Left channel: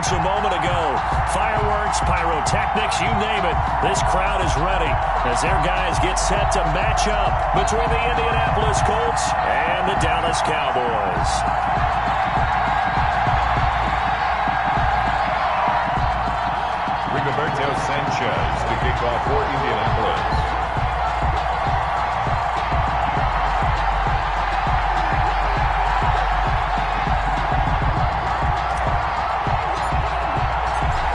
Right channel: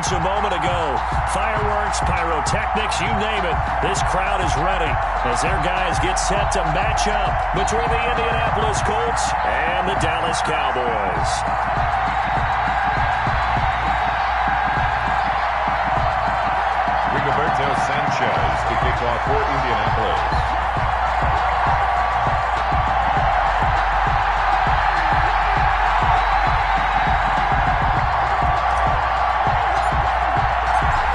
seconds a moment ago. Fireworks, pyrotechnics, you name it. This crowd is ready as their guys get set to match up between the Indianapolis Colts and the Dallas Cowboys. Rigoberto Sanchez to kick off for Indianapolis.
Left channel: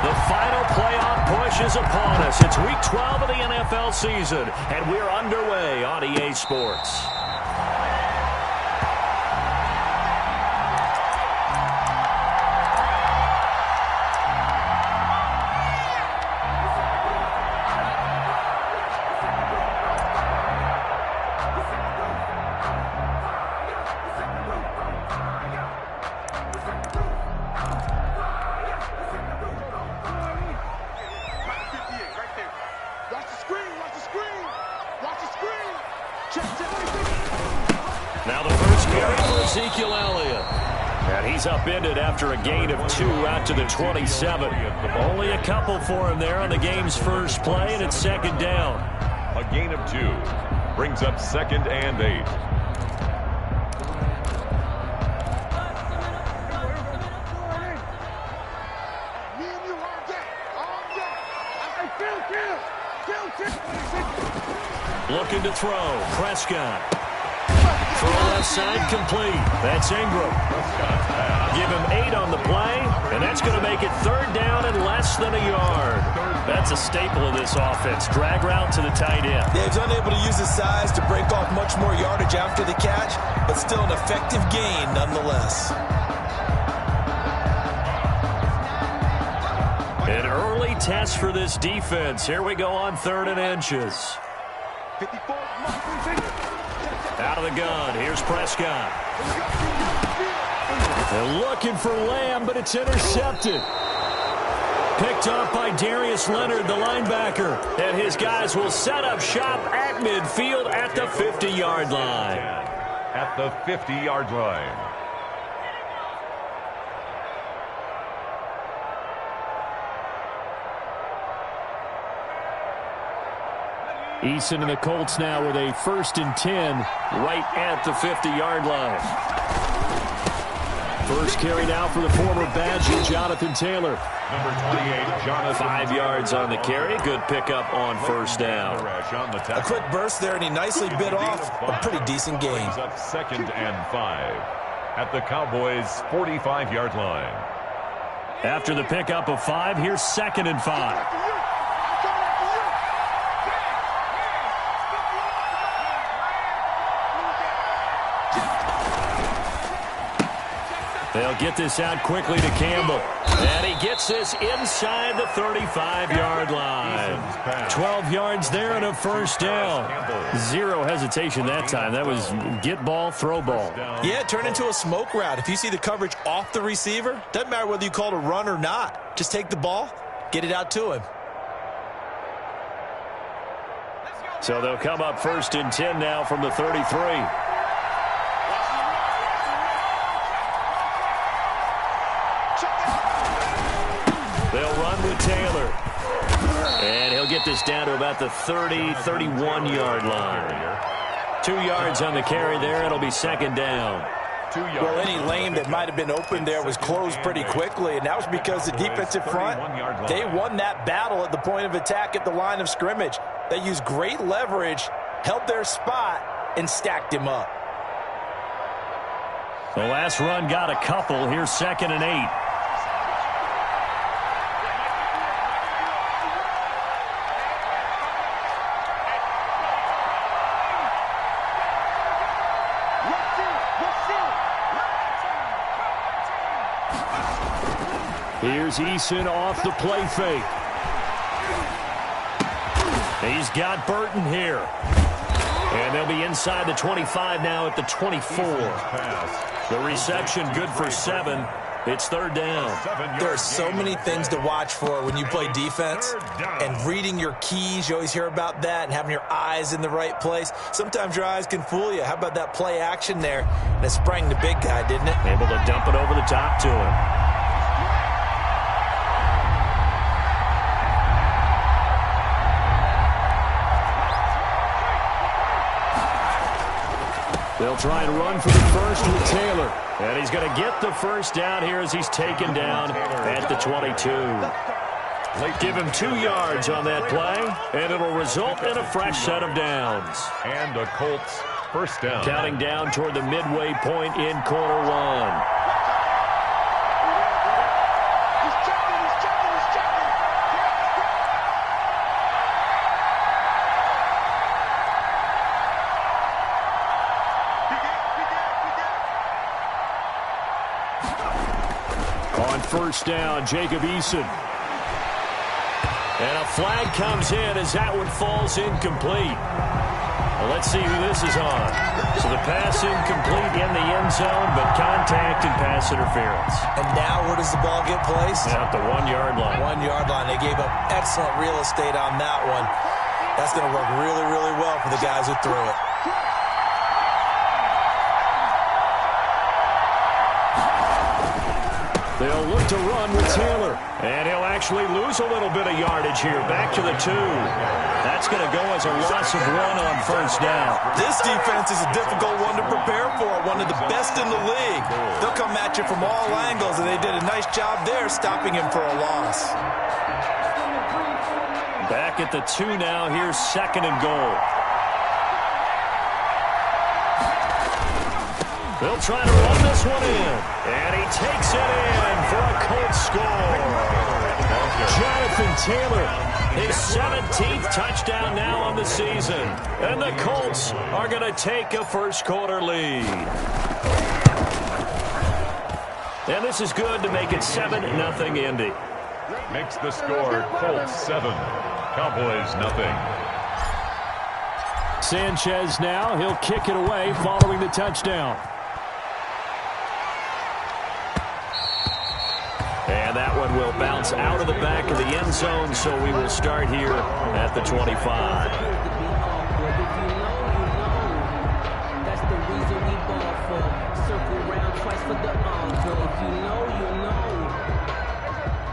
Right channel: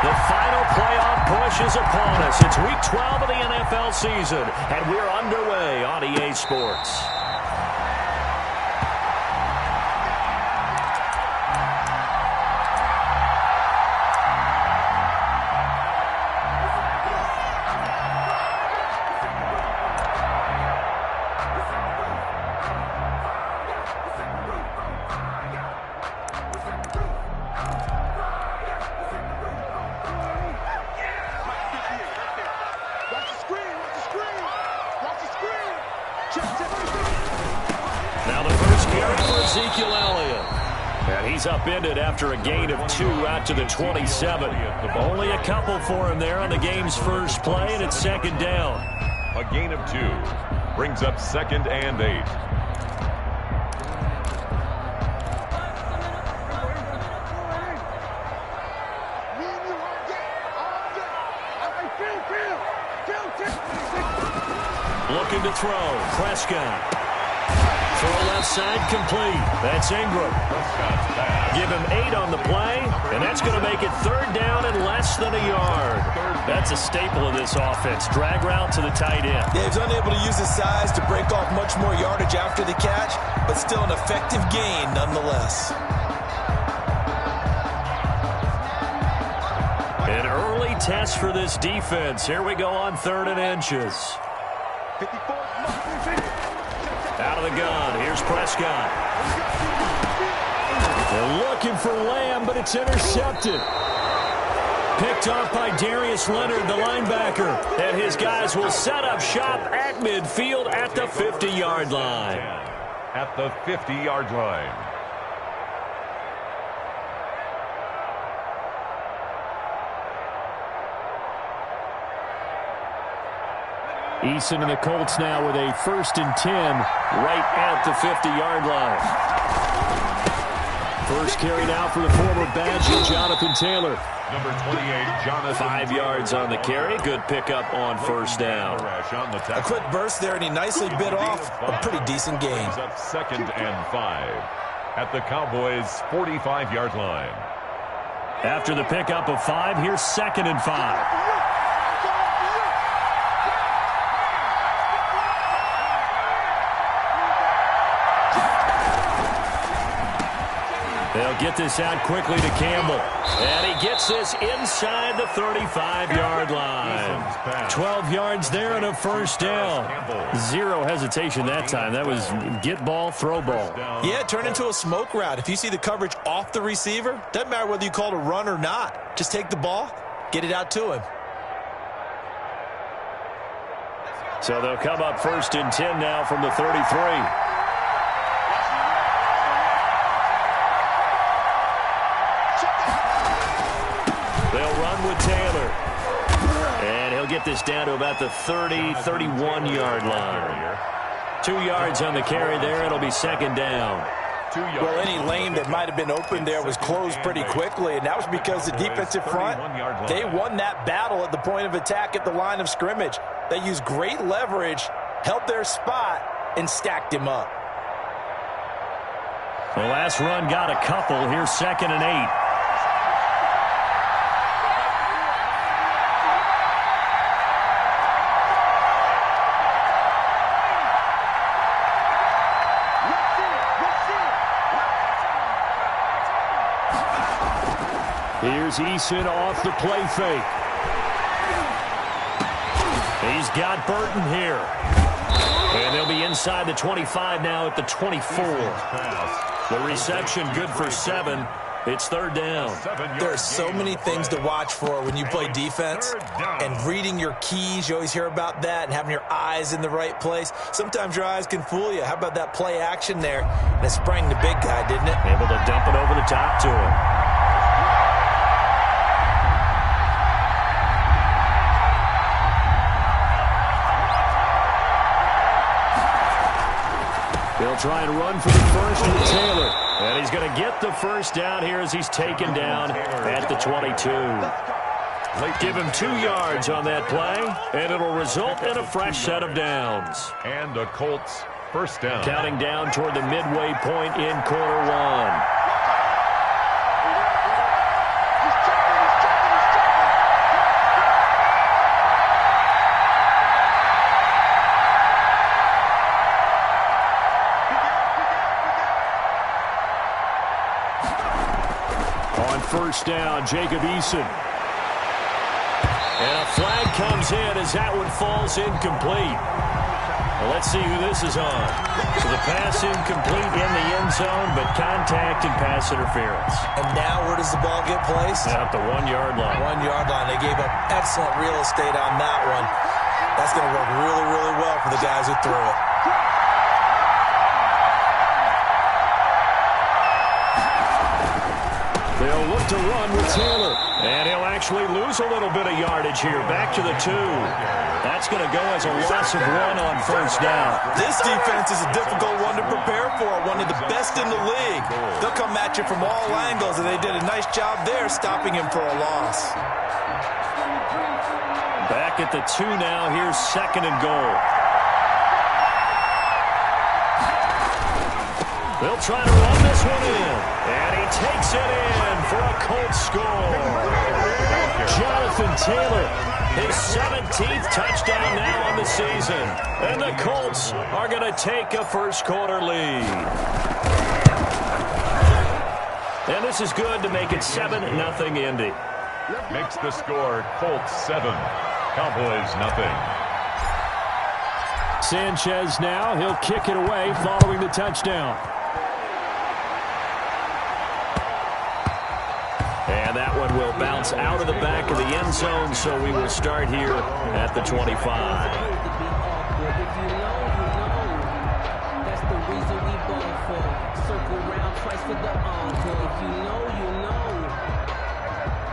The final playoff push is upon us. It's Week 12 of the NFL season, and we're underway on EA Sports. Now the first carry for Ezekiel Elliott. And he's upended after a gain of 2 out to the 27. Only a couple for him there on the game's first play, and it's second down. A gain of 2 brings up 2nd and 8. Looking to throw. Prescott. Throw left side complete. That's Ingram. Give him 8 on the play, and that's going to make it 3rd down and less than a yard. That's a staple of this offense. Drag route to the tight end. Yeah, he's unable to use his size to break off much more yardage after the catch, but still an effective gain nonetheless. An early test for this defense. Here we go on 3rd and inches. Out of the gun. Here's Prescott. They're looking for Lamb, but it's intercepted. Picked off by Darius Leonard, the linebacker. And his guys will set up shop at midfield at the 50-yard line. At the 50-yard line. Eason and the Colts now with a 1st and 10 right at the 50-yard line. First carry now for the former Badger, Jonathan Taylor. Number 28, Jonathan. 5 yards on the carry. Good pickup on 1st down. A quick burst there, and he nicely bit off a pretty decent gain. Up 2nd and 5 at the Cowboys' 45-yard line. After the pickup of 5, here's 2nd and 5. They'll get this out quickly to Campbell. And he gets this inside the 35-yard line. 12 yards there and a 1st down. 0 hesitation that time. That was get ball, throw ball. Yeah, it turned into a smoke route. If you see the coverage off the receiver, doesn't matter whether you call it a run or not. Just take the ball, get it out to him. So they'll come up 1st and 10 now from the 33. They'll run with Taylor. And he'll get this down to about the 30, 31-yard line. 2 yards on the carry there. It'll be 2nd down. Well, any lane that might have been open there was closed pretty quickly, and that was because the defensive front, they won that battle at the point of attack at the line of scrimmage. They used great leverage, held their spot, and stacked him up. The last run got a couple. Here's 2nd and 8. Here's Eason off the play fake. He's got Burton here. And they'll be inside the 25 now at the 24. The reception good for 7. It's 3rd down. There are so many things to watch for when you play defense. And reading your keys, you always hear about that, and having your eyes in the right place. Sometimes your eyes can fool you. How about that play action there? And it sprang the big guy, didn't it? Able to dump it over the top to him. They'll try and run for the first with Taylor. And he's going to get the first down here as he's taken down at the 22. Give him 2 yards on that play, and it'll result in a fresh set of downs. And a Colts first down. Counting down toward the midway point in quarter 1. On first down, Jacob Eason. And a flag comes in as that one falls incomplete. Well, let's see who this is on. So the pass incomplete in the end zone, but contact and pass interference. And now where does the ball get placed? At the 1-yard line. 1-yard line. They gave up excellent real estate on that one. That's going to work really, really well for the guys who threw it. They'll look to run with Taylor. And he'll actually lose a little bit of yardage here. Back to the 2. That's going to go as a loss of 1 on first down. This defense is a difficult one to prepare for. One of the best in the league. They'll come at you from all angles, and they did a nice job there stopping him for a loss. Back at the 2 now. Here's 2nd and goal. They'll try to run this one in. And he takes it in for a Colts score. Jonathan Taylor, his 17th touchdown now on the season. And the Colts are going to take a first-quarter lead. And this is good to make it 7-0 Indy. Makes the score Colts 7, Cowboys nothing. Sanchez now. He'll kick it away following the touchdown. And that one will bounce out of the back of the end zone, so we will start here at the 25. That's the reason we ball for. Circle round twice for the encore. If you know, you know.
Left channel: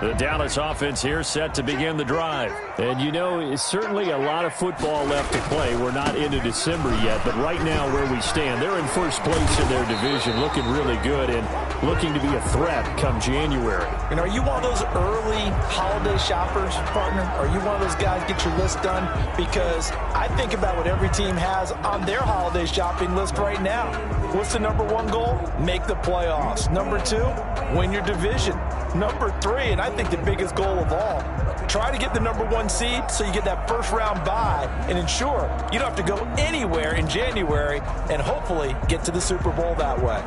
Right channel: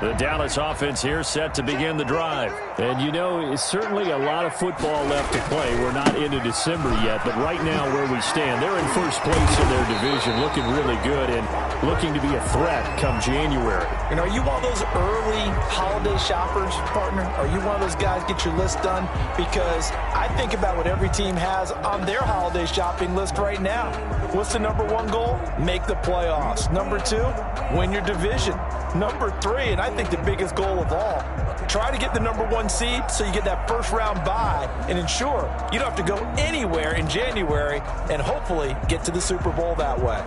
The Dallas offense here set to begin the drive. And you know, it's certainly a lot of football left to play. We're not into December yet, but right now where we stand, they're in first place in their division, looking really good and looking to be a threat come January. And are you one of those early holiday shoppers, partner? Are you one of those guys get your list done? Because I think about what every team has on their holiday shopping list right now. What's the number 1 goal? Make the playoffs. Number 2, win your division. Number 3, and I think the biggest goal of all, try to get the number 1 seed so you get that first round bye and ensure you don't have to go anywhere in January and hopefully get to the Super Bowl that way.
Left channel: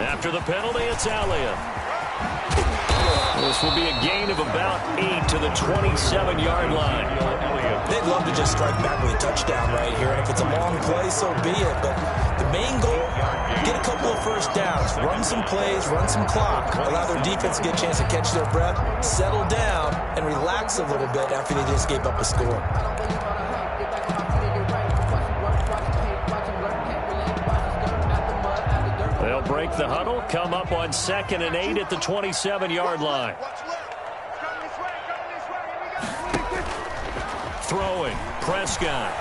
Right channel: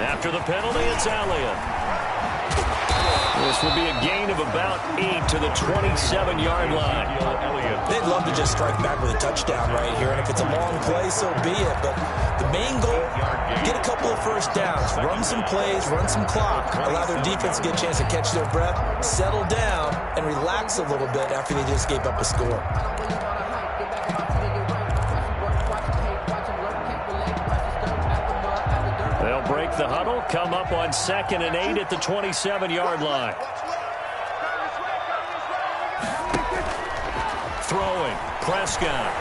After the penalty, it's Elliott. This will be a gain of about 8 to the 27-yard line. They'd love to just strike back with a touchdown right here, and if it's a long play, so be it. But the main goal, get a couple of first downs, run some plays, run some clock, allow their defense to get a chance to catch their breath, settle down, and relax a little bit after they just gave up a score. They'll break the huddle, come up on 2nd and 8 at the 27-yard line. Throwing, Prescott.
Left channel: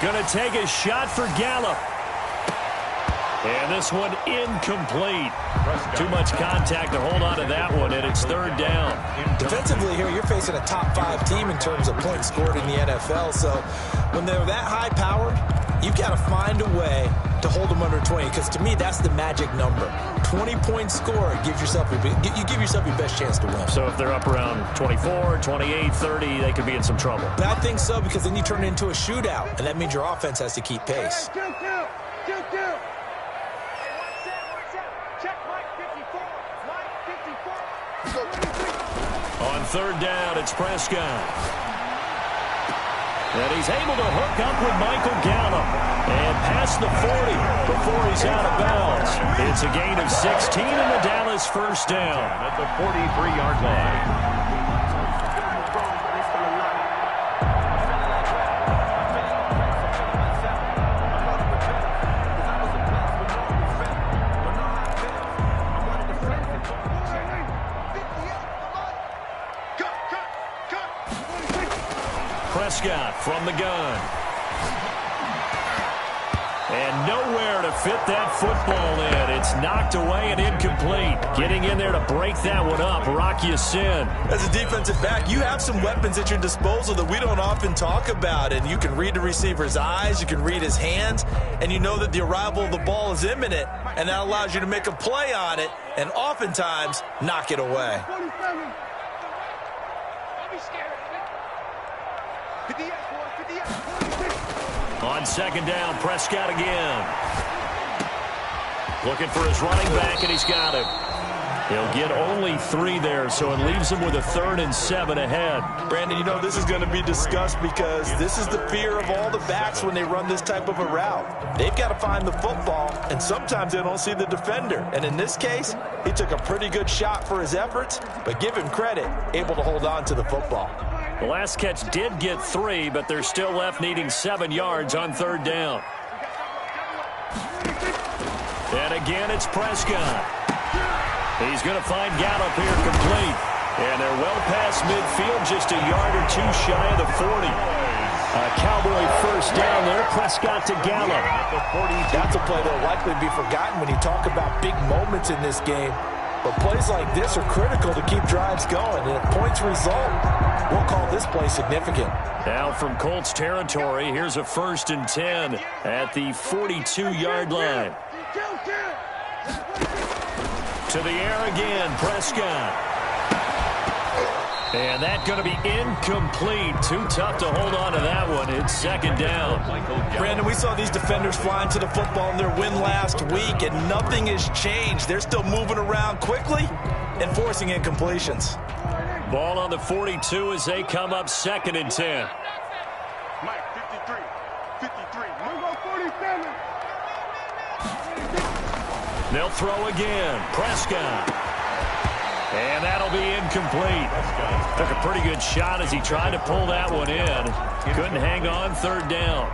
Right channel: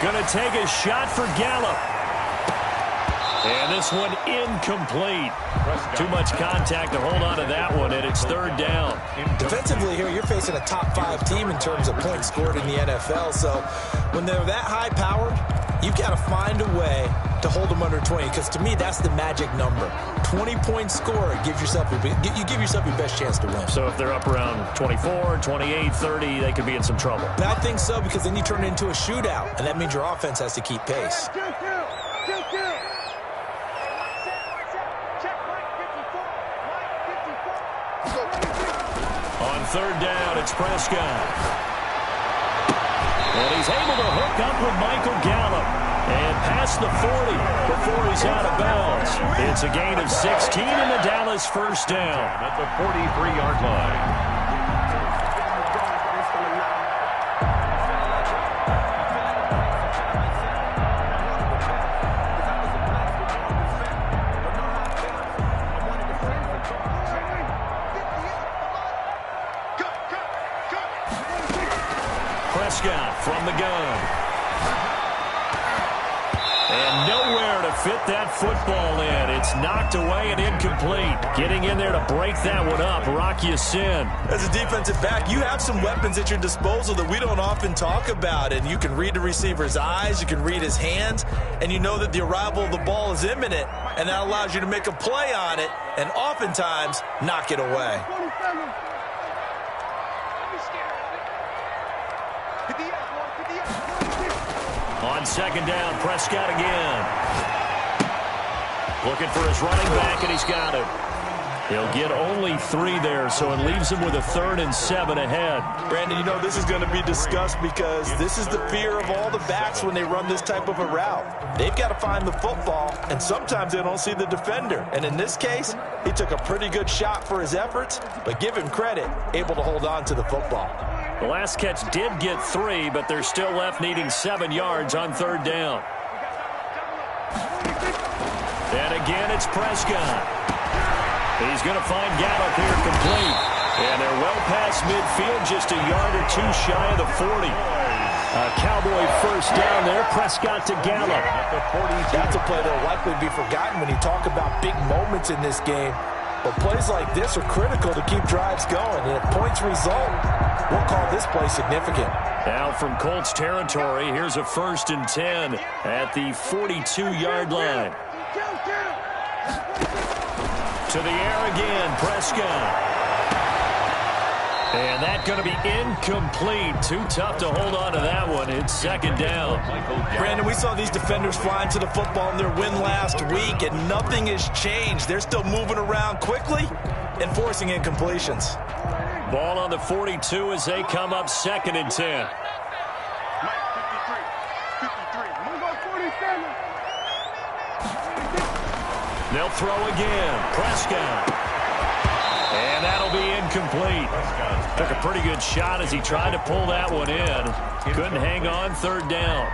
Going to take a shot for Gallup. And this one incomplete. Too much contact to hold on to that one, and it's 3rd down. Defensively here, you're facing a top 5 team in terms of points scored in the NFL. So when they're that high powered, you've got to find a way to hold them under 20, because to me, that's the magic number. 20-point score gives yourself you give yourself your best chance to win. So if they're up around 24, 28, 30, they could be in some trouble. But I think so, because then you turn it into a shootout, and that means your offense has to keep pace. On 3rd down, it's Prescott. And he's able to hook up with Michael Gallup and past the 40 before he's out of bounds. It's a gain of 16 and the Dallas first down. At the 43-yard line. Prescott from the gun. And nowhere to fit that football in. It's knocked away and incomplete. Getting in there to break that one up, Rock Ya-Sin. As a defensive back, you have some weapons at your disposal that we don't often talk about. And you can read the receiver's eyes, you can read his hands, and you know that the arrival of the ball is imminent. And that allows you to make a play on it and oftentimes knock it away. On second down, Prescott again. Looking for his running back, and he's got him. He'll get only 3 there, so it leaves him with a 3rd and 7 ahead. Brandon, you know this is going to be discussed because this is the fear of all the backs when they run this type of a route. They've got to find the football, and sometimes they don't see the defender. And in this case, he took a pretty good shot for his efforts, but give him credit, able to hold on to the football. The last catch did get 3, but they're still left needing 7 yards on 3rd down. And again, it's Prescott. He's going to find Gallup here complete. And they're well past midfield, just a yard or 2 shy of the 40. A Cowboy first down there, Prescott to Gallup. That's a play that will likely be forgotten when you talk about big moments in this game. But plays like this are critical to keep drives going. And if points result, we'll call this play significant. Now from Colts territory, here's a 1st and 10 at the 42-yard line. To the air again, Prescott. And that's going to be incomplete. Too tough to hold on to that one. It's 2nd down. Brandon, we saw these defenders flying to the football in their win last week, and nothing has changed. They're still moving around quickly and forcing incompletions. Ball on the 42 as they come up 2nd and 10. Mike, 53. Move on 47. They'll throw again. Prescott. And that'll be incomplete. Took a pretty good shot as he tried to pull that one in. Couldn't hang on, 3rd down.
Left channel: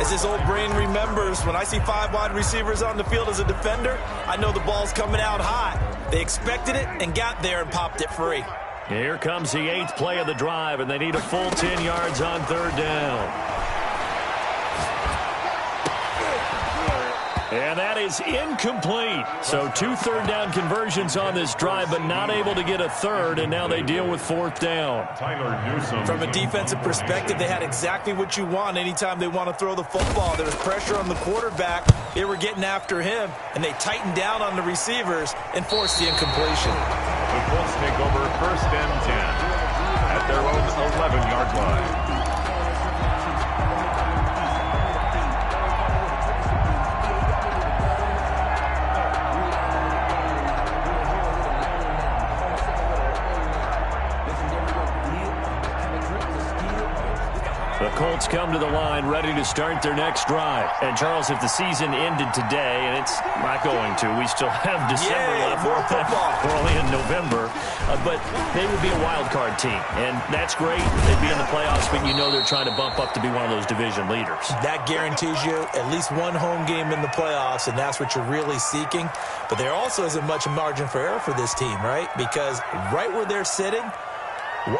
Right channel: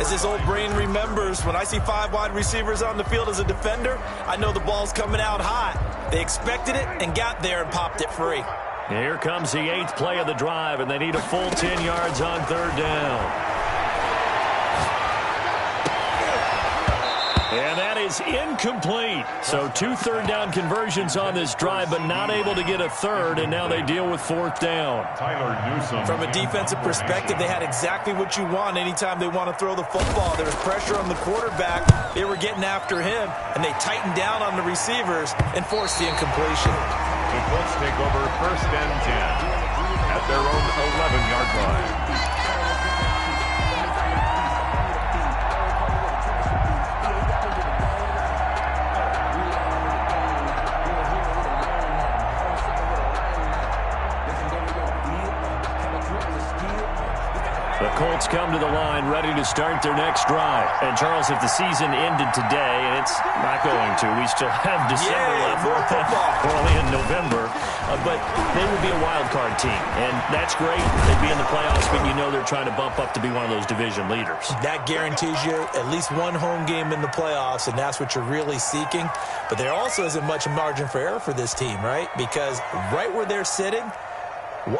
As his old brain remembers, when I see 5 wide receivers on the field as a defender, I know the ball's coming out hot. They expected it and got there and popped it free. Here comes the 8th play of the drive, and they need a full 10 yards on 3rd down. And that is incomplete. So 2 third-down conversions on this drive, but not able to get a 3rd, and now they deal with 4th down. From a defensive perspective, they had exactly what you want anytime they want to throw the football. There was pressure on the quarterback. They were getting after him, and they tightened down on the receivers and forced the incompletion. The Colts take over 1st and 10 at their own 11-yard line. The Colts come to the line ready to start their next drive. And, Charles, if the season ended today, and it's not going to, we still have December left. More football. We're only in November. But they would be a wild card team. And that's great. They'd be in the playoffs, but you know they're trying to bump up to be one of those division leaders. That guarantees you at least one home game in the playoffs, and that's what you're really seeking. But there also isn't much margin for error for this team, right? Because right where they're sitting,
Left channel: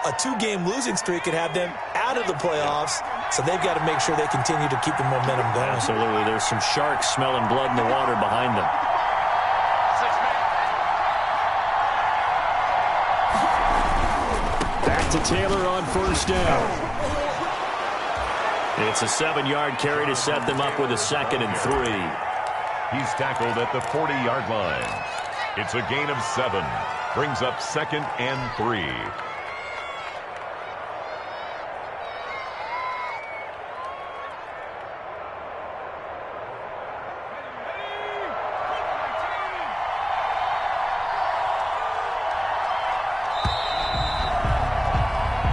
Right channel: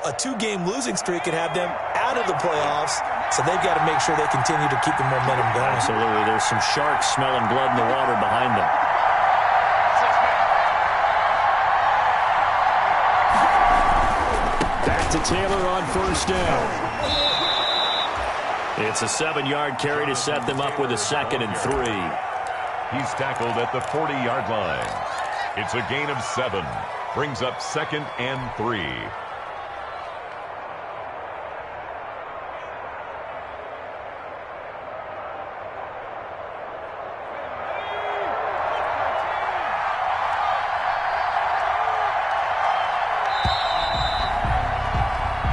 a 2-game losing streak could have them out of the playoffs, so they've got to make sure they continue to keep the momentum going. Absolutely. There's some sharks smelling blood in the water behind them. Back to Taylor on 1st down. It's a 7-yard carry to set them up with a 2nd and 3. He's tackled at the 40-yard line. It's a gain of 7. Brings up 2nd and 3.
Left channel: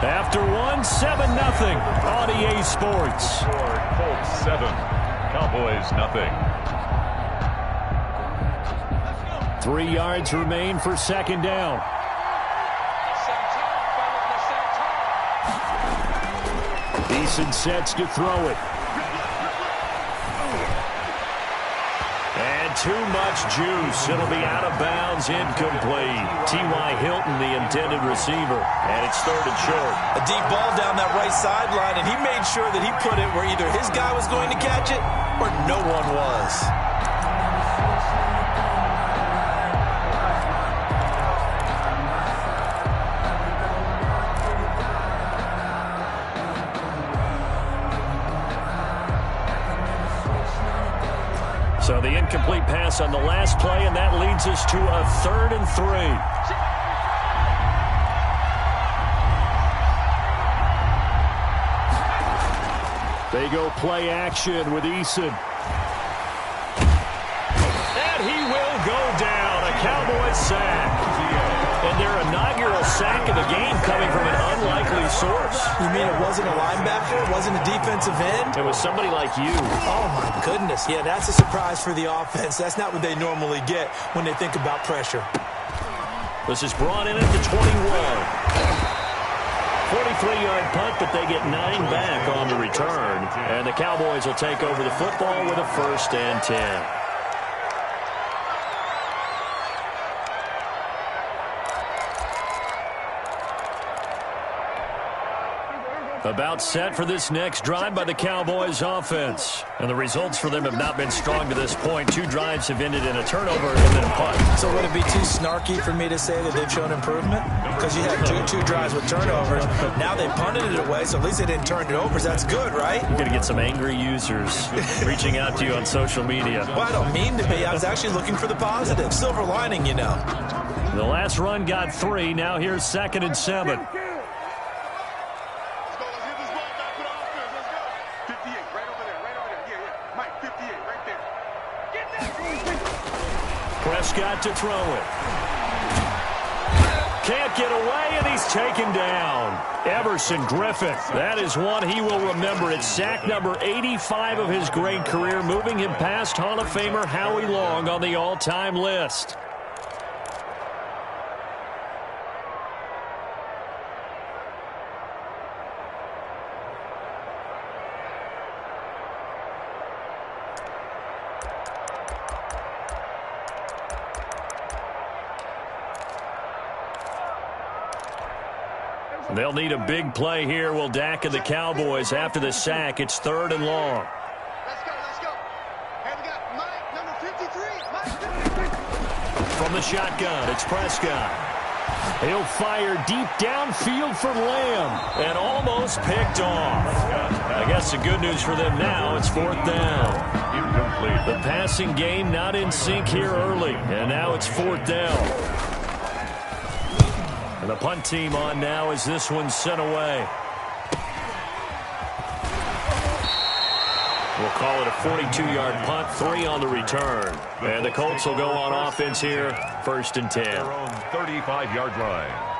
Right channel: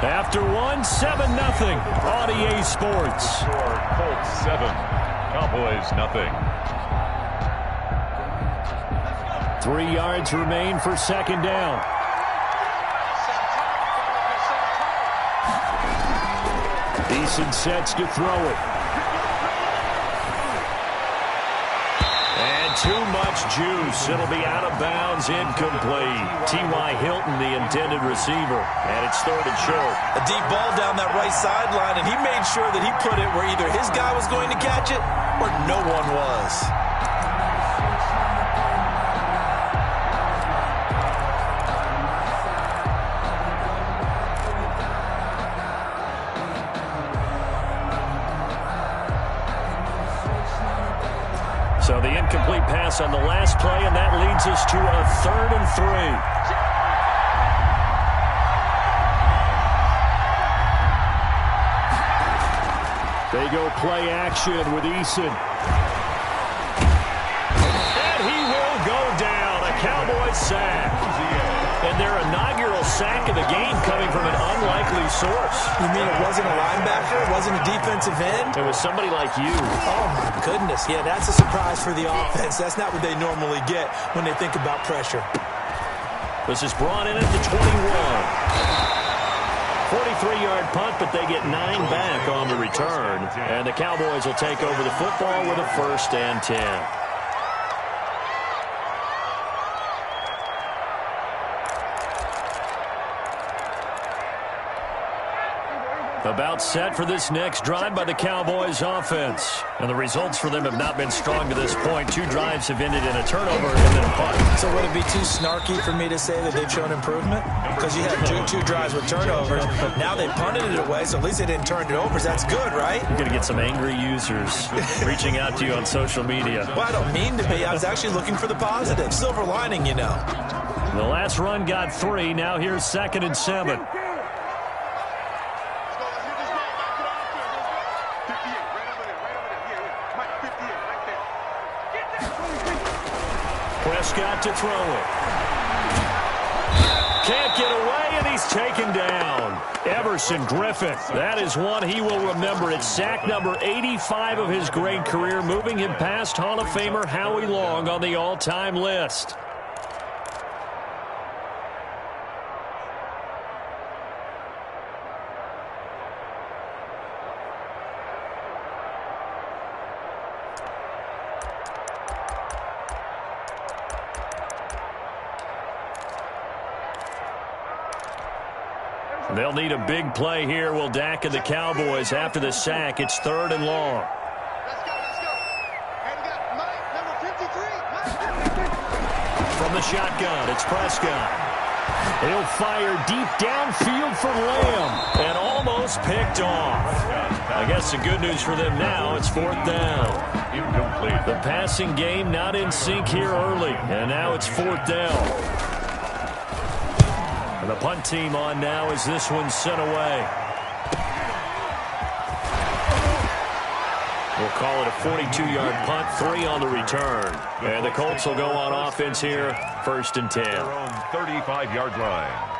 After 1, 7-0 on EA Sports. Score, Colts 7, Cowboys nothing. 3 yards remain for 2nd down. Eason sets to throw it. And too much juice. It'll be out of bounds, incomplete. T.Y. Hilton, the intended receiver, and it's 3rd and short. A deep ball down that right sideline, and he made sure that he put it where either his guy was going to catch it or no one was. So the incomplete pass on the last play, and that leads us to a 3rd and 3. They go play action with Eason. And he will go down. A Cowboys sack. And their inaugural sack of the game coming from an unlikely source. You mean it wasn't a linebacker? It wasn't a defensive end? It was somebody like you. Oh, my goodness. Yeah, that's a surprise for the offense. That's not what they normally get when they think about pressure. This is brought in at the 21. 43-yard punt, but they get 9 back on the return. And the Cowboys will take over the football with a 1st and 10. About set for this next drive by the Cowboys offense. And the results for them have not been strong to this point. 2 drives have ended in a turnover and then a punt. So would it be too snarky for me to say that they've shown improvement? Because you had two drives with turnovers. Now they punted it away, so at least they didn't turn it over. So that's good, right? You're going to get some angry users reaching out to you on social media. Well, I don't mean to be. I was actually looking for the positive. Silver lining, you know. The last run got 3. Now here's 2nd and 7. Prescott to throw it. Can't get away, and he's taken down. Everson Griffin. That is one he will remember. It's sack number 85 of his great career, moving him past Hall of Famer Howie Long on the all-time list. They'll need a big play here. Will Dak and the Cowboys after the sack. It's 3rd and long. Let's go. Hey, we got Mike, number 53. From the shotgun, it's Prescott. He'll fire deep downfield for Lamb and almost picked off. I guess the good news for them now, it's 4th down. Incomplete. The passing game not in sync here early, and now it's 4th down. And the punt team on now as this one's sent away. We'll call it a 42-yard punt, 3 on the return. And the Colts will go on offense here, 1st and 10. Their own 35-yard line.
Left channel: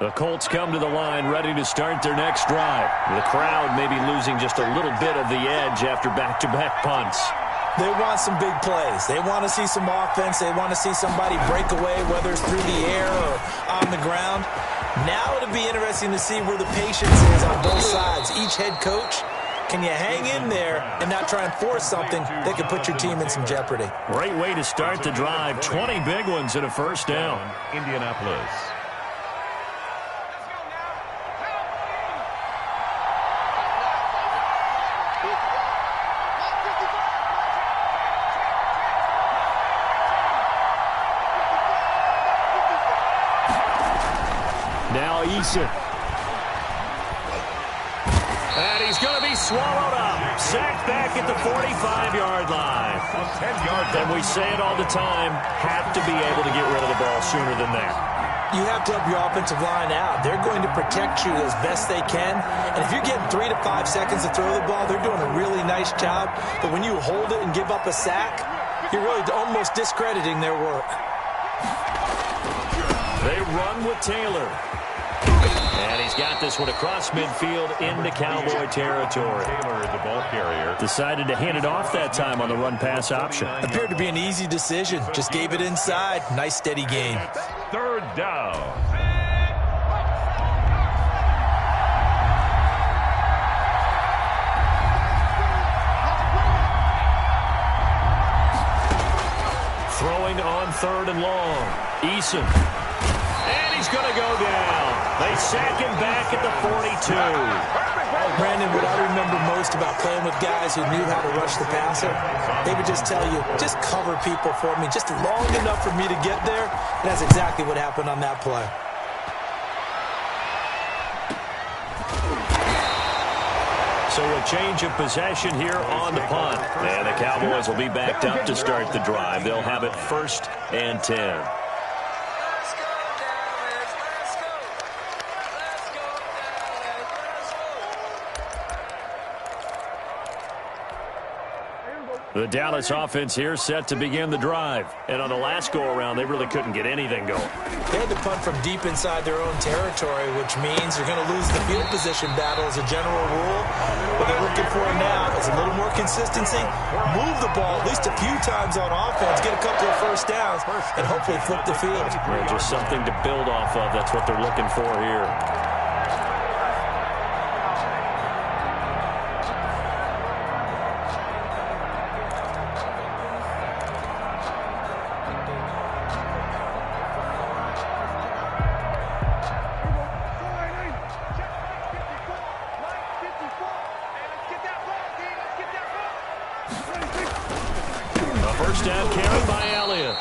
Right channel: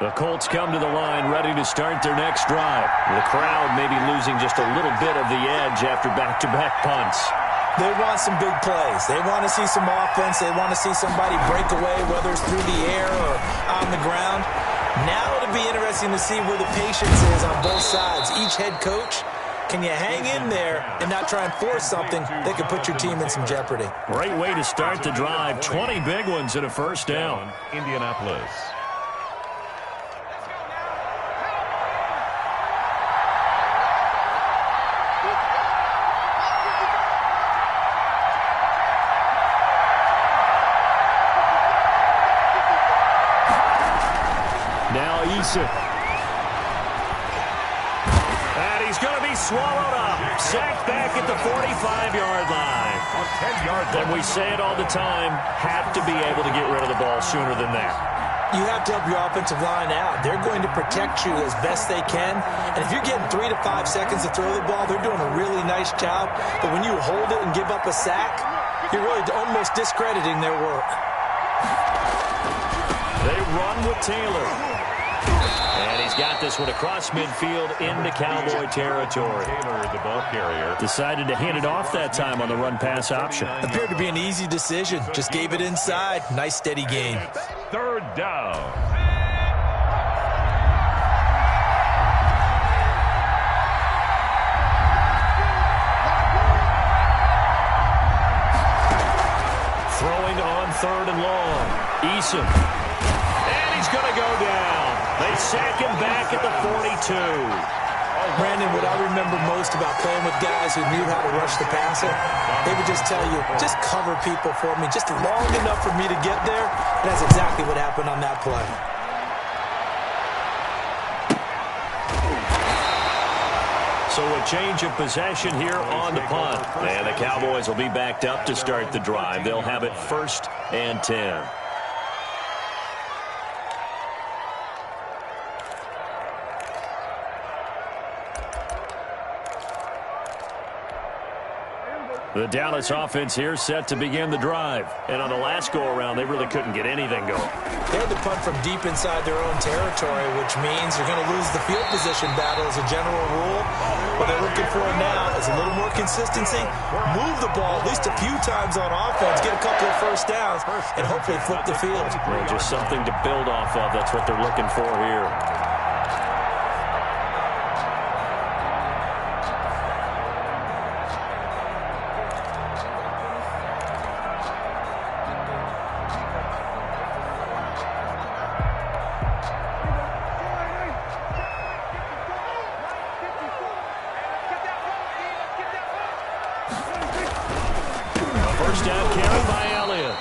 The Colts come to the line ready to start their next drive. The crowd may be losing just a little bit of the edge after back-to-back punts. They want some big plays. They want to see some offense. They want to see somebody break away, whether it's through the air or on the ground. Now it'll be interesting to see where the patience is on both sides. Each head coach, can you hang in there and not try and force something that could put your team in some jeopardy? Great way to start the drive. 20 big ones and a 1st down. Indianapolis. Now Eason. And he's going to be swallowed up. Sacked back at the 45-yard line. 10-yard. And we say it all the time, have to be able to get rid of the ball sooner than that. You have to help your offensive line out. They're going to protect you as best they can. And if you're getting 3 to 5 seconds to throw the ball, they're doing a really nice job. But when you hold it and give up a sack, you're really almost discrediting their work. They run with Taylor. And he's got this one across midfield into Cowboy territory. Taylor, the ball carrier. Decided to hand it off that time on the run-pass option. Appeared to be an easy decision. Just gave it inside. Nice, steady gain. Third down. Throwing on 3rd and long. Eason. And he's going to go down. They sack him back at the 42. Brandon, what I remember most about playing with guys who knew how to rush the passer, they would just tell you, just cover people for me, just long enough for me to get there. And that's exactly what happened on that play. So a change of possession here on the punt. And the Cowboys will be backed up to start the drive. They'll have it 1st and 10. The Dallas offense here set to begin the drive. And on the last go-around, they really couldn't get anything going. They had to punt from deep inside their own territory, which means they're going to lose the field position battle as a general rule. What they're looking for now is a little more consistency, move the ball at least a few times on offense, get a couple of first downs, and hopefully flip the field. Well, just something to build off of. That's what they're looking for here. First down carry by Elliott.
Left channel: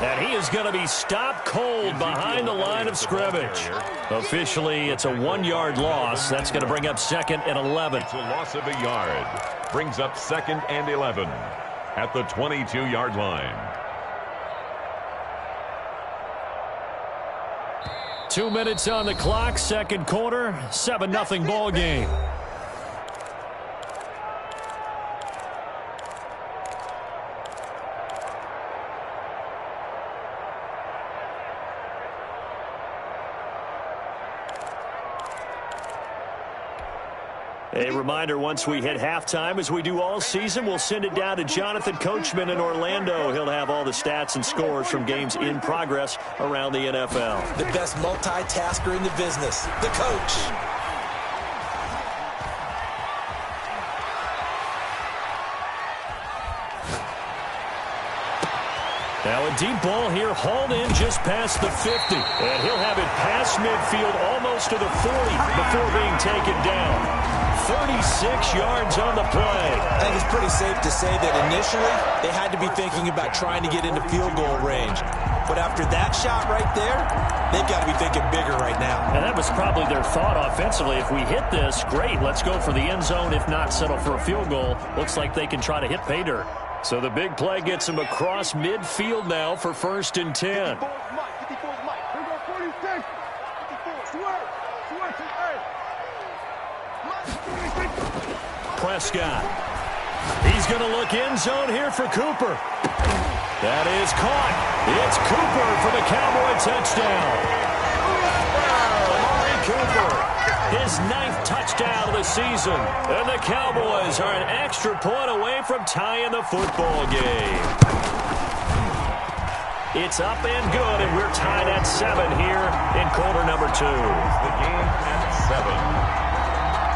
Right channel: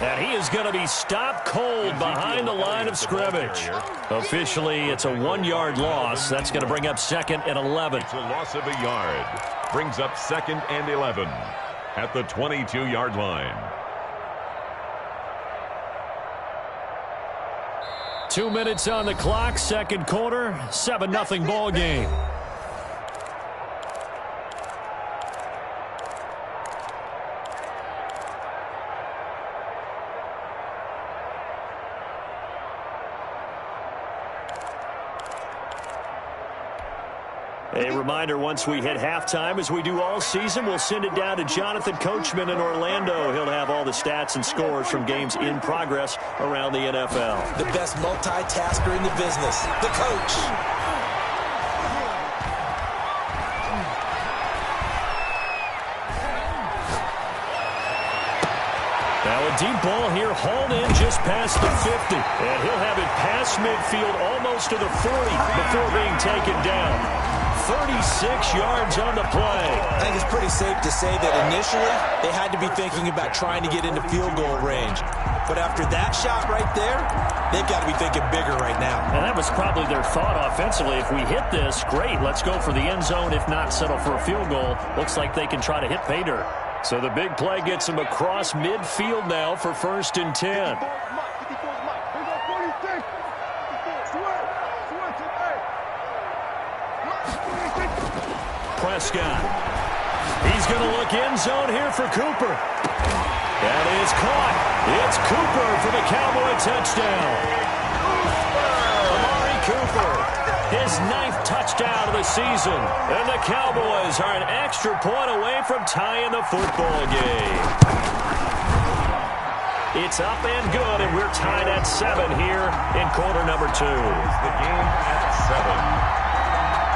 And he is going to be stopped cold behind the line of scrimmage. Officially, it's a 1-yard loss. That's going to bring up 2nd and 11. It's a loss of a yard. Brings up 2nd and 11 at the 22-yard line. 2 minutes on the clock, 2nd quarter, 7-0 ball game. A reminder, once we hit halftime, as we do all season, we'll send it down to Jonathan Coachman in Orlando. He'll have all the stats and scores from games in progress around the NFL. The best multitasker in the business, the coach. Now a deep ball here, hauled in just past the 50. And he'll have it past midfield, almost to the 40 before being taken down. 36 yards on the play. I think it's pretty safe to say that initially they had to be thinking about trying to get into field goal range. But after that shot right there, they've got to be thinking bigger right now. And that was probably their thought offensively. If we hit this, great, let's go for the end zone. If not, settle for a field goal. Looks like they can try to hit pay dirt. So the big play gets them across midfield now for 1st and 10. Prescott. He's going to look end zone here for Cooper. That is caught. It's Cooper for the Cowboy touchdown. Amari Cooper, his 9th touchdown of the season. And the Cowboys are an extra point away from tying the football game. It's up and good, and we're tied at 7 here in quarter number 2. The game at 7.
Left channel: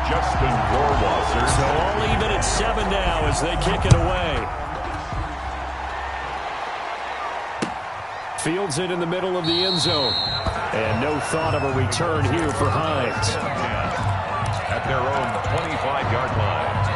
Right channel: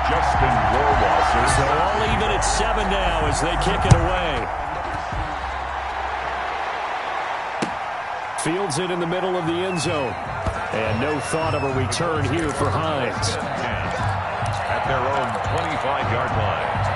Justin Rohrwasser. So all even at 7 now as they kick it away. Fields it in the middle of the end zone. And no thought of a return here for Hines. At their own 25-yard line.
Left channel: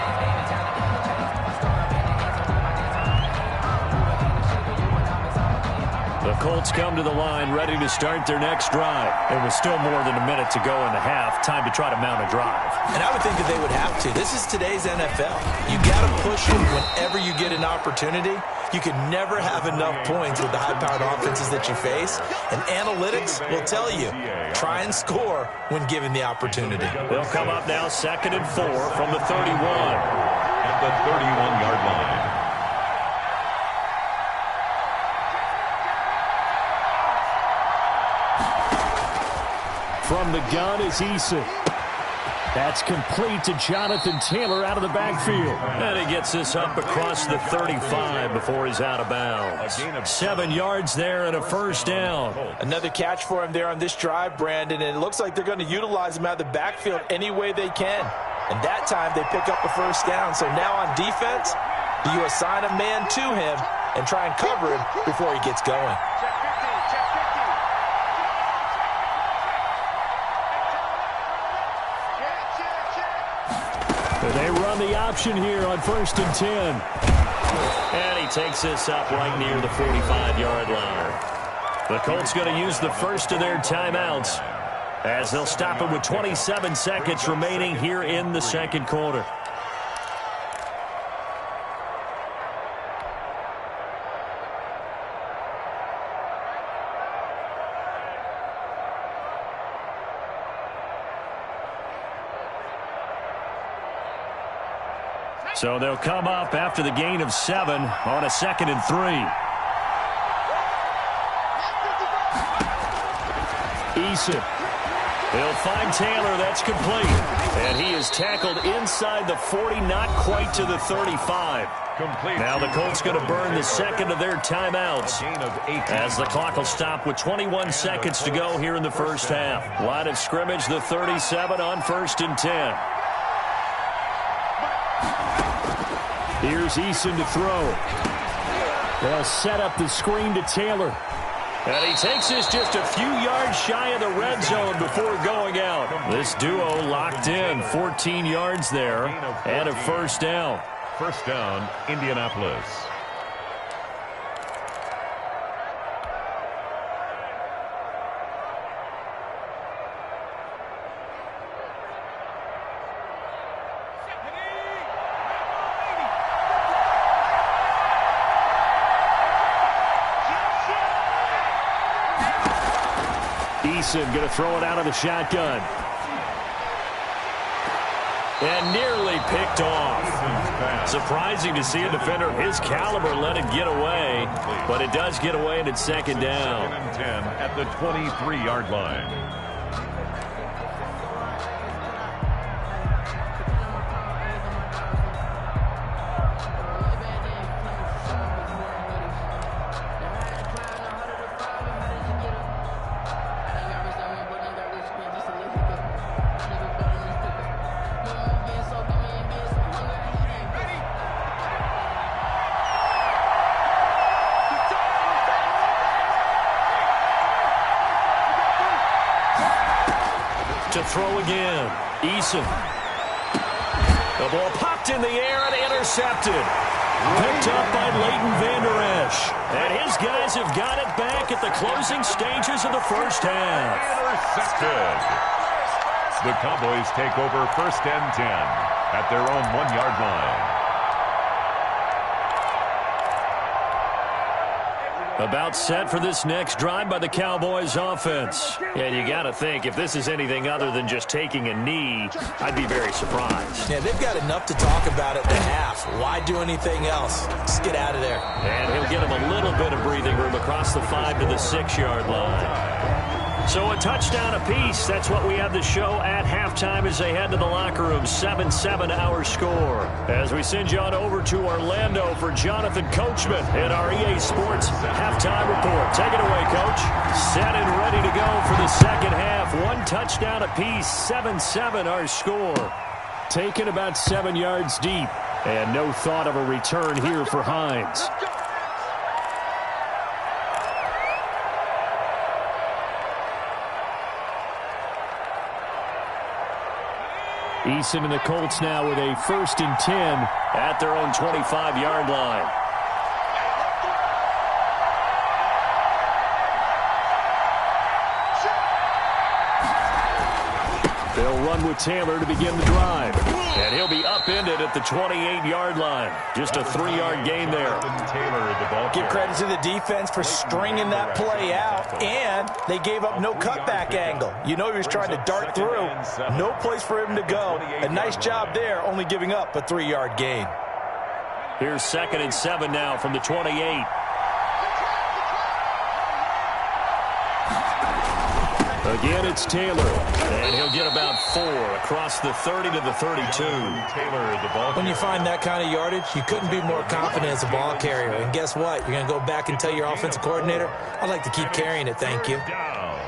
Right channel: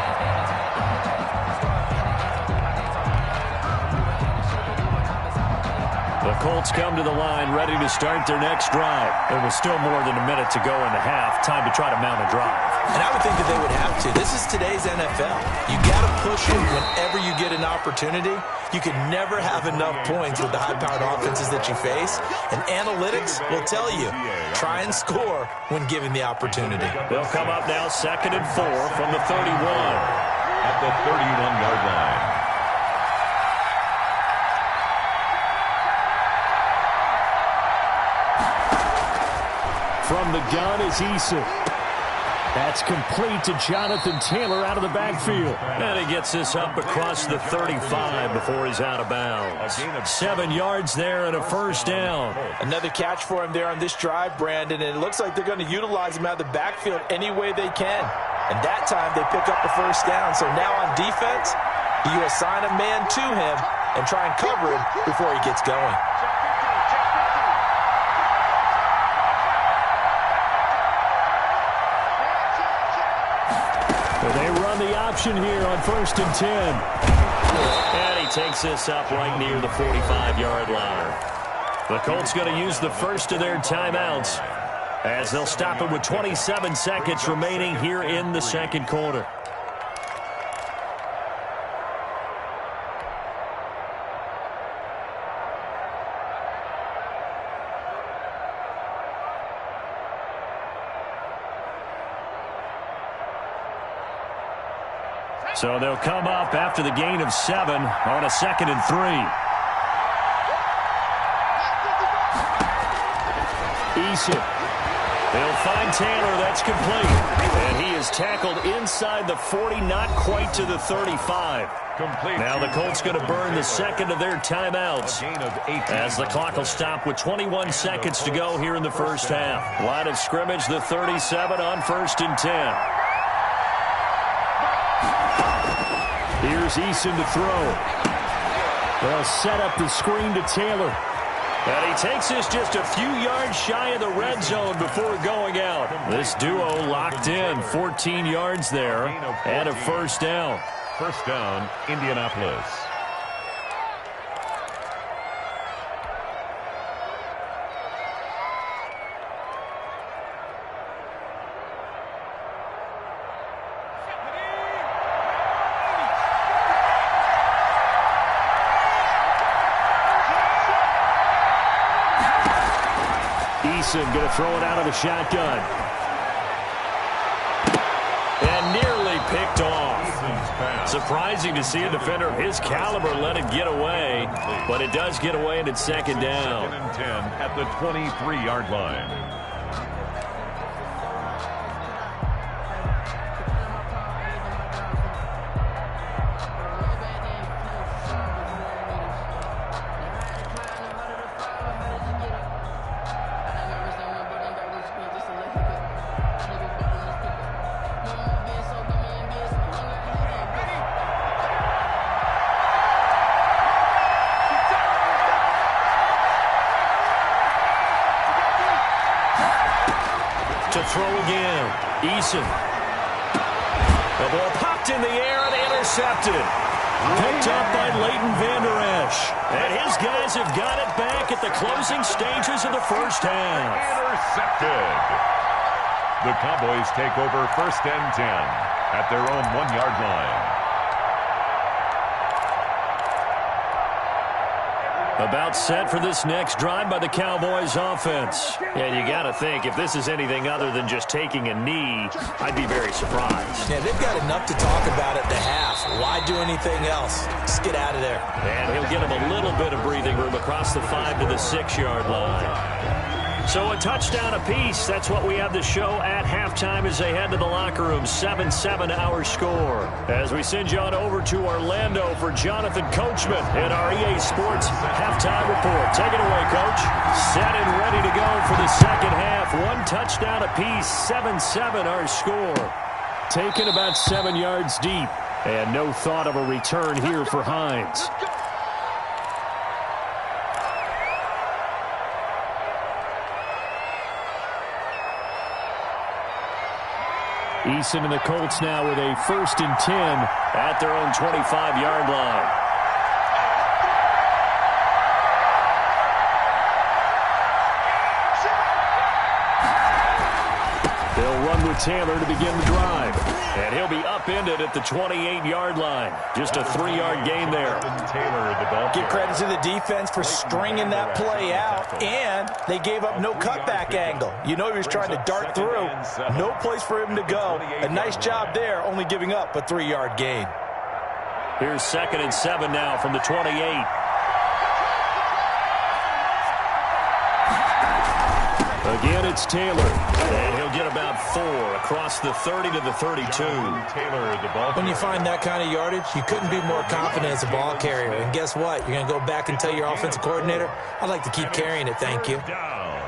The Colts come to the line ready to start their next drive. It was still more than a minute to go in the half. Time to try to mount a drive. And I would think that they would have to. This is today's NFL. You got to push it whenever you get an opportunity. You can never have enough points with the high-powered offenses that you face. And analytics will tell you, try and score when given the opportunity. They'll come up now 2nd and 4 from the 31. At the 31-yard line. From the gun is Eason. That's complete to Jonathan Taylor out of the backfield. And he gets this up across the 35 before he's out of bounds. 7 yards there and a first down. Another catch for him there on this drive, Brandon, and it looks like they're going to utilize him out of the backfield any way they can. And that time they pick up a first down. So now on defense, do you assign a man to him and try and cover him before he gets going? Check 15, check 15. They run the option here on 1st and 10. And he takes this up right near the 45-yard line. The Colts going to use the first of their timeouts as they'll stop it with 27 seconds remaining here in the second quarter. So they'll come up after the gain of 7 on a 2nd and 3. Eason. He'll find Taylor. That's complete. And he is tackled inside the 40, not quite to the 35. Complete. Now the Colts going to burn the second of their timeouts as the clock will stop with 21 seconds to go here in the first half. Line of scrimmage, the 37 on 1st and 10. Here's Eason to throw. They'll set up the screen to Taylor. And he takes this just a few yards shy of the red zone before going out. This duo locked in, 14 yards there, and a first down. First down, Indianapolis. Eason going to throw it out of the shotgun. And nearly picked off. Surprising to see a defender of his caliber let it get away, but it does get away and it's second down. 2nd and 10 at the 23-yard line. To throw again. Eason. The ball popped in the air and intercepted. Picked up by Leighton Vander Esch. And his guys have got it back at the closing stages of the first half. Intercepted. The Cowboys take over 1st and 10 at their own 1-yard line. About set for this next drive by the Cowboys offense. And you got to think, if this is anything other than just taking a knee, I'd be very surprised. Yeah, they've got enough to talk about at the half. Why do anything else? Just get out of there. And he'll get him a little bit of breathing room across the 5 to the 6-yard line. So a touchdown apiece. That's what we have the show at halftime as they head to the locker room. 7-7 our score. As we send you on over to Orlando for Jonathan Coachman in our EA Sports halftime report. Take it away, Coach. Set and ready to go for the second half. 1 touchdown apiece. 7-7 our score. Taken about 7 yards deep. And no thought of a return here for Hines. Eason and the Colts now with a 1st and 10 at their own 25-yard line. They'll run with Taylor to begin the drive. And he'll be upended at the 28-yard line. Just a 3-yard gain there. Taylor, the ball. Give credit to the defense for stringing that play out, and they gave up no cutback angle. You know he was trying to dart through. No place for him to go. A nice job there, only giving up a 3-yard gain. Here's 2nd and 7 now from the 28. Again, it's Taylor. And he'll get about 4 across the 30 to the 32. Taylor, the ball When you find that kind of yardage, you couldn't be more confident as a ball carrier. And guess what? You're going to go back and tell your offensive coordinator, I'd like to keep carrying it, thank you. Down.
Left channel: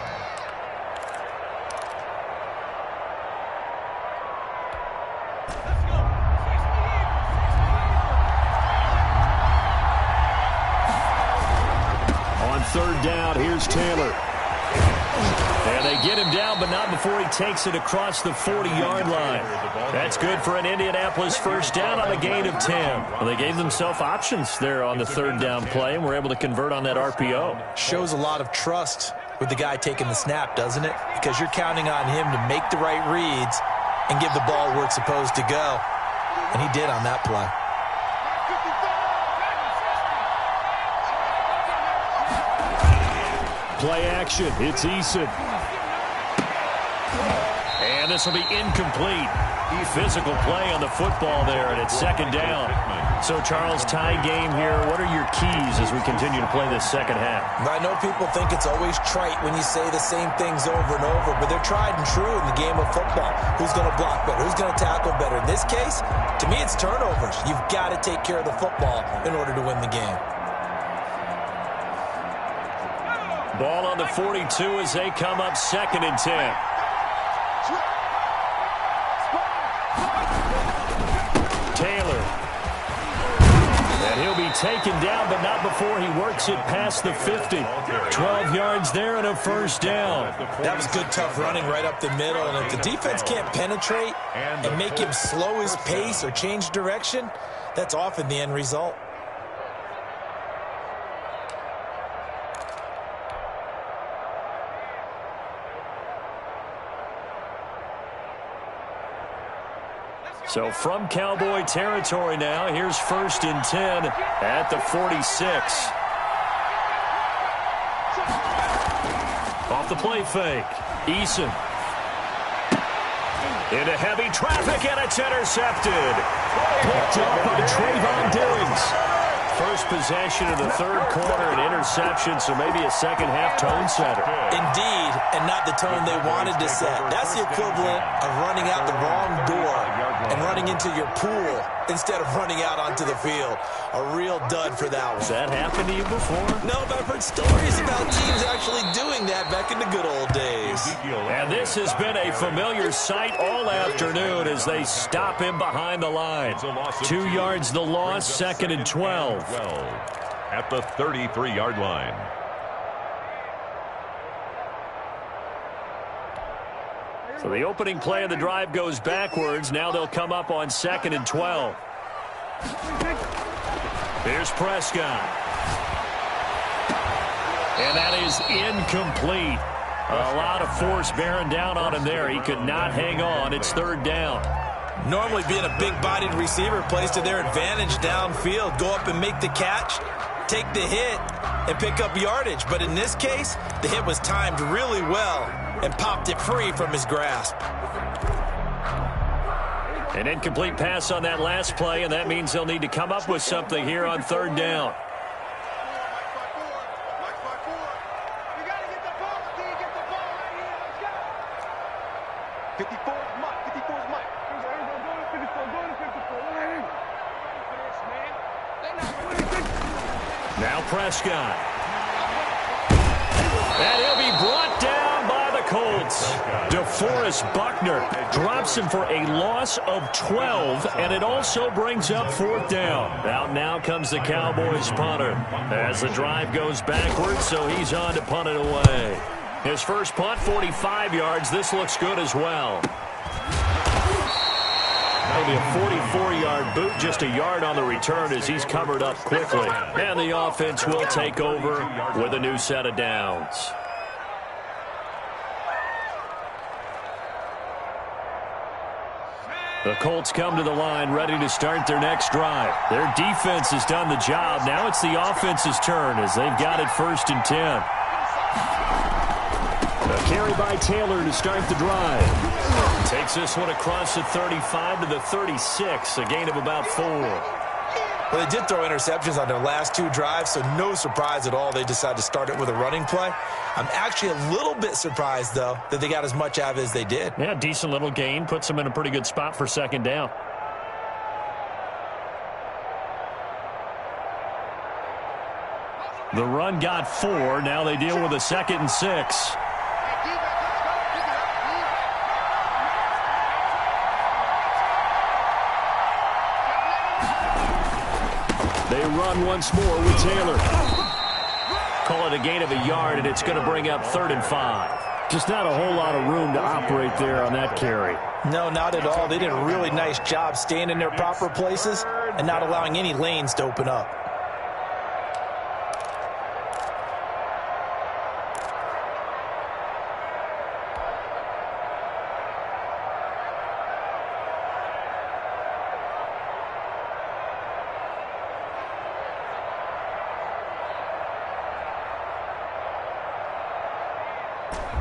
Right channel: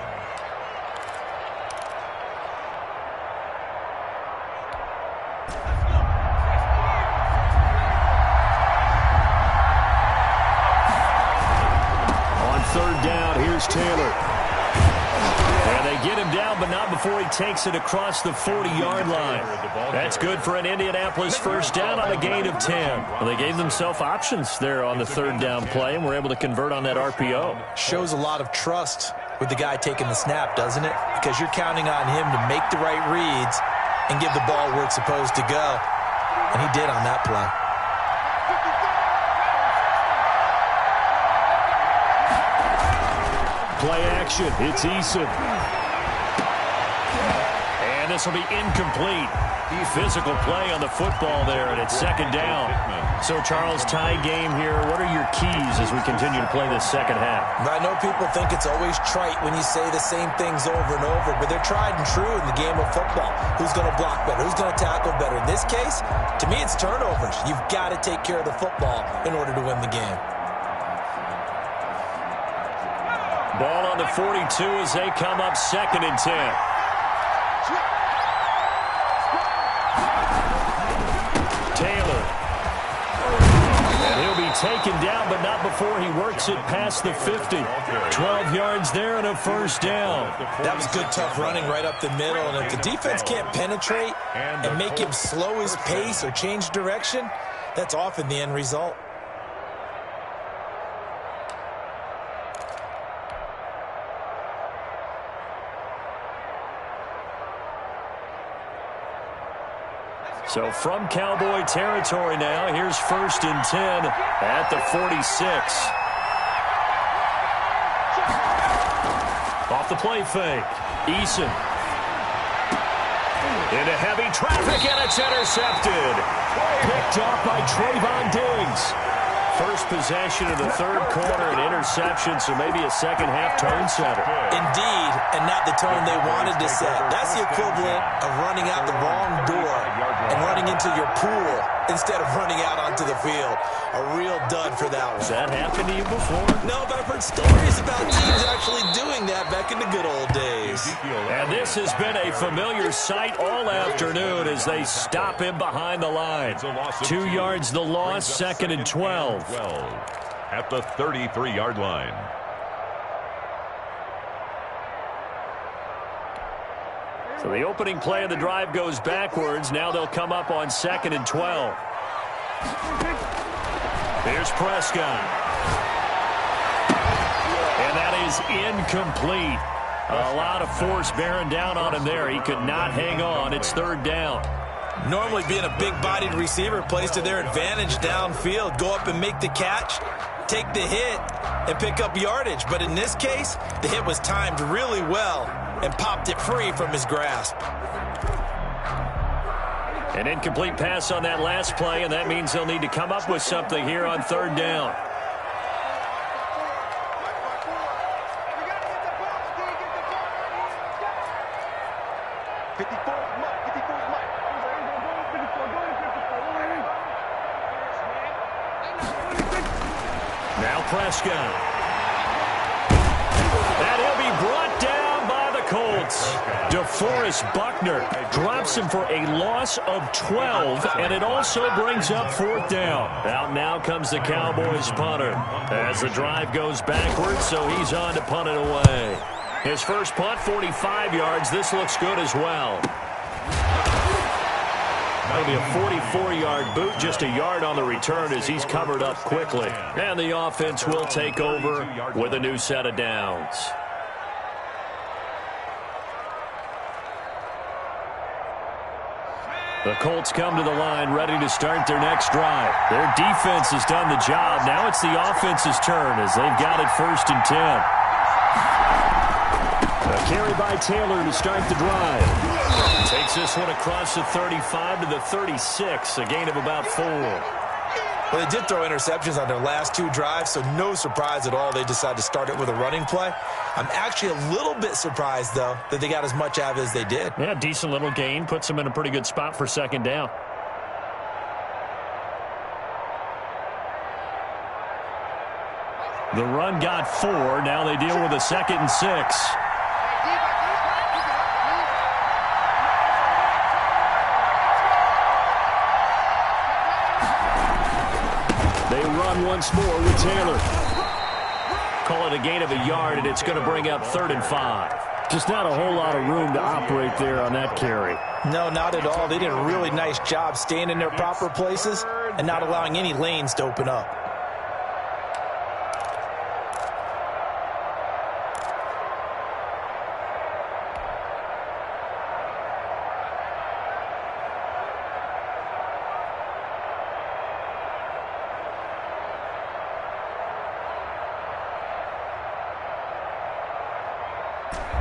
On third down, here's Taylor. And they get him down, but not before he takes it across the 40-yard line. That's good for an Indianapolis first down on a gain of 10. Well, they gave themselves options there on the third down play, and were able to convert on that RPO. Shows a lot of trust with the guy taking the snap, doesn't it? Because you're counting on him to make the right reads and give the ball where it's supposed to go. And he did on that play. Play action. It's Eason. And this will be incomplete. Physical play on the football there, and it's second down. So, Charles, tie game here. What are your keys as we continue to play this second half? I know people think it's always trite when you say the same things over and over, but they're tried and true in the game of football. Who's going to block better? Who's going to tackle better? In this case, to me, it's turnovers. You've got to take care of the football in order to win the game. Ball on the 42 as they come up second and 10. Taylor. And he'll be taken down, but not before he works it past the 50. 12 yards there and a first down. That was good, tough running right up the middle. And if the defense can't penetrate and make him slow his pace or change direction, that's often the end result. So from Cowboy territory now, here's first and 10 at the 46. Off the play fake. Eason. Into heavy traffic, and it's intercepted. Picked off by Trayvon Diggs. First possession of the third quarter, an interception, so maybe a second-half tone setter. Indeed, and not the tone they wanted to set. That's the equivalent of running out the wrong door and running into your pool instead of running out onto the field. A real dud for that one. Has that happened to you before? No, but I've heard stories about teams actually doing that back in the good old days. And this has been a familiar sight all afternoon as they stop him behind the line. 2 yards the loss, second and 12. At the 33-yard line. So the opening play of the drive goes backwards. Now they'll come up on second and 12. Here's Prescott. And that is incomplete. A lot of force bearing down on him there. He could not hang on. It's third down. Normally being a big-bodied receiver plays to their advantage downfield. Go up and make the catch, take the hit, and pick up yardage. But in this case, the hit was timed really well and popped it free from his grasp. An incomplete pass on that last play, and that means they'll need to come up with something here on third down. Now Prescott. And he'll be brought down by the Colts. DeForest Buckner drops him for a loss of 12, and it also brings up fourth down. Out now comes the Cowboys punter as the drive goes backwards, so he's on to punt it away. His first punt, 45 yards. This looks good as well. That'll be a 44-yard boot, just a yard on the return as he's covered up quickly. And the offense will take over with a new set of downs. The Colts come to the line ready to start their next drive. Their defense has done the job. Now it's the offense's turn as they've got it first and 10. A carry by Taylor to start the drive. Takes this one across the 35 to the 36, a gain of about 4. Well, they did throw interceptions on their last 2 drives, so no surprise at all they decided to start it with a running play. I'm actually a little bit surprised, though, that they got as much out of it as they did. Yeah, decent little gain. Puts them in a pretty good spot for second down. The run got 4. Now they deal with a 2nd and 6. They run once more with Taylor. Call it a gain of a yard, and it's going to bring up 3rd and 5. Just not a whole lot of room to operate there on that carry. No, not at all. They did a really nice job staying in their proper places and not allowing any lanes to open up.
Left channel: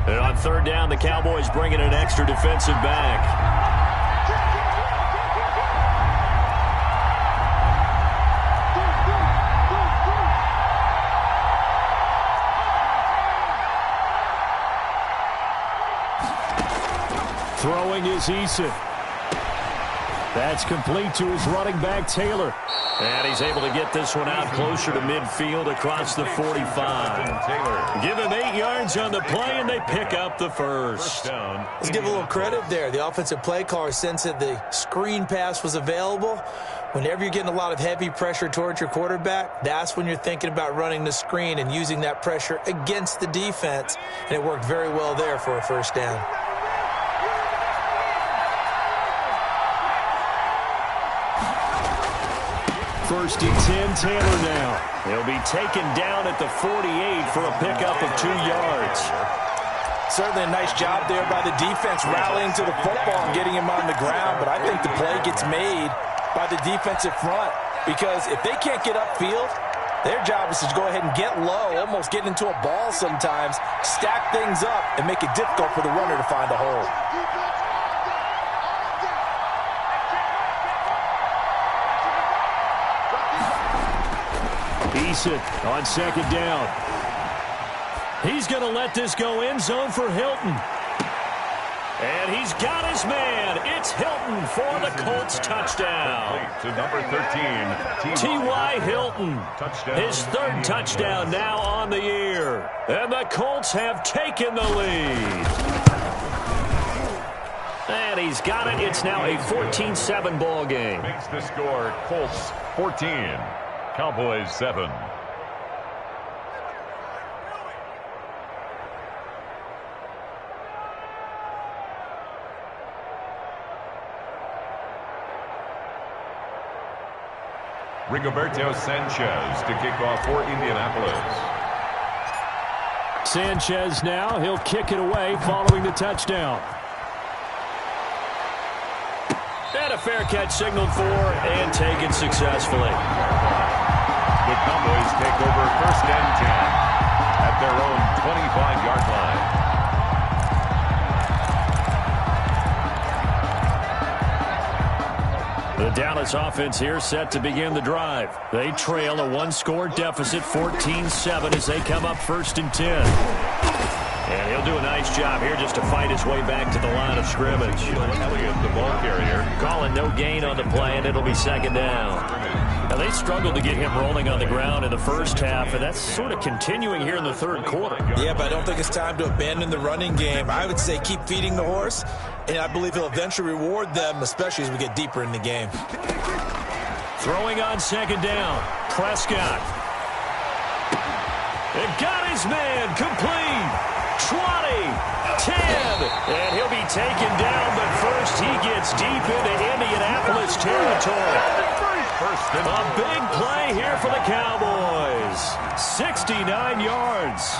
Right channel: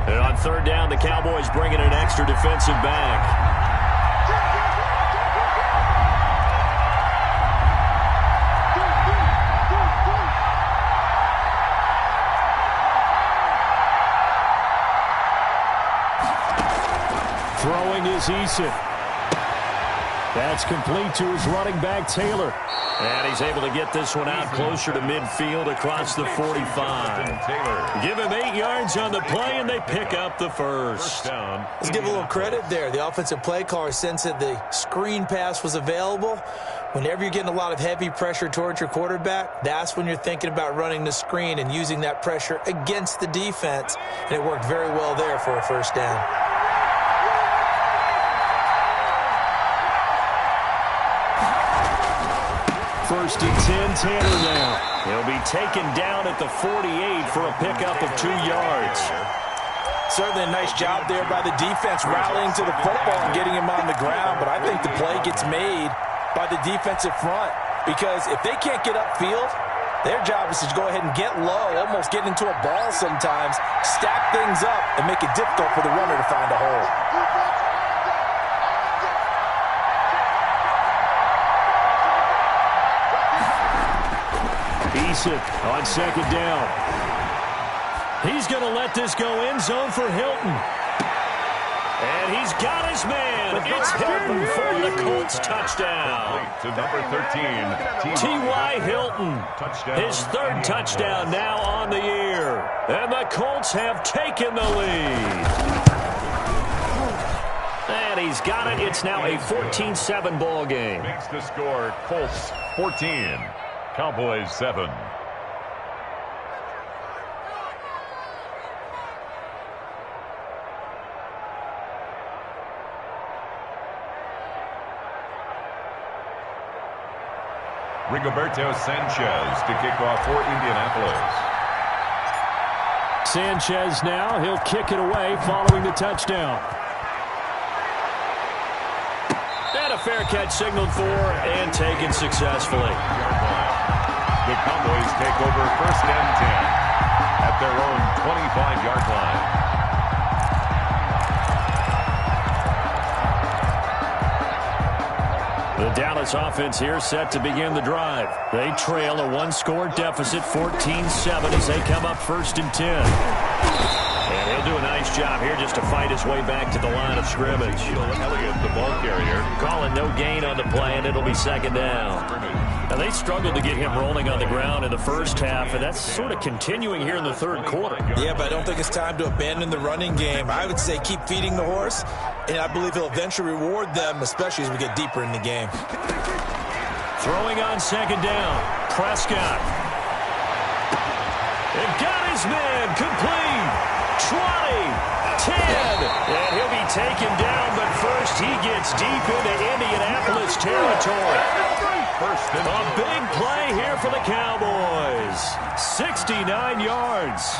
And on 3rd down, the Cowboys bring in an extra defensive back. Throwing is Eason. That's complete to his running back, Taylor. And he's able to get this one out closer to midfield across the 45. Give him 8 yards on the play, and they pick up the first. Let's give a little credit there. The offensive play caller sensed that the screen pass was available. Whenever you're getting a lot of heavy pressure towards your quarterback, that's when you're thinking about running the screen and using that pressure against the defense. And it worked very well there for a first down. First and 10, Taylor now. He'll be taken down at the 48 for a pickup of 2 yards. Certainly a nice job there by the defense rallying to the football and getting him on the ground, but I think the play gets made by the defensive front because if they can't get upfield, their job is to go ahead and get low, almost get into a ball sometimes, stack things up, and make it difficult for the runner to find a hole. Eason on 2nd down. He's going to let this go end zone for Hilton. And he's got his man. It's Hilton for the Colts touchdown. To number 13, T.Y. Hilton. His 3rd touchdown now on the year. And the Colts have taken the lead. And he's got it. It's now a 14-7 ball game. Makes the score Colts 14. Cowboys 7. Rigoberto Sanchez to kick off for Indianapolis. Sanchez now. He'll kick it away following the touchdown. And a fair catch signaled for and taken successfully. The Cowboys take over 1st and 10 at their own 25-yard line. The Dallas offense here set to begin the drive. They trail a 1-score deficit, 14-7, as they come up 1st and 10. And he'll do a nice job here just to fight his way back to the line of scrimmage. Elliott, the ball carrier. Calling no gain on the play, and it'll be 2nd down. Now, they struggled to get him rolling on the ground in the first half, and that's sort of continuing here in the 3rd quarter. Yeah, but I don't think it's time to abandon the running game. I would say keep feeding the horse, and I believe he'll eventually reward them, especially as we get deeper in the game. Throwing on 2nd down, Prescott. And got his man complete. 20, 10, and he'll be taken down, but first he gets deep into Indianapolis territory. A big play here for the Cowboys. 69 yards.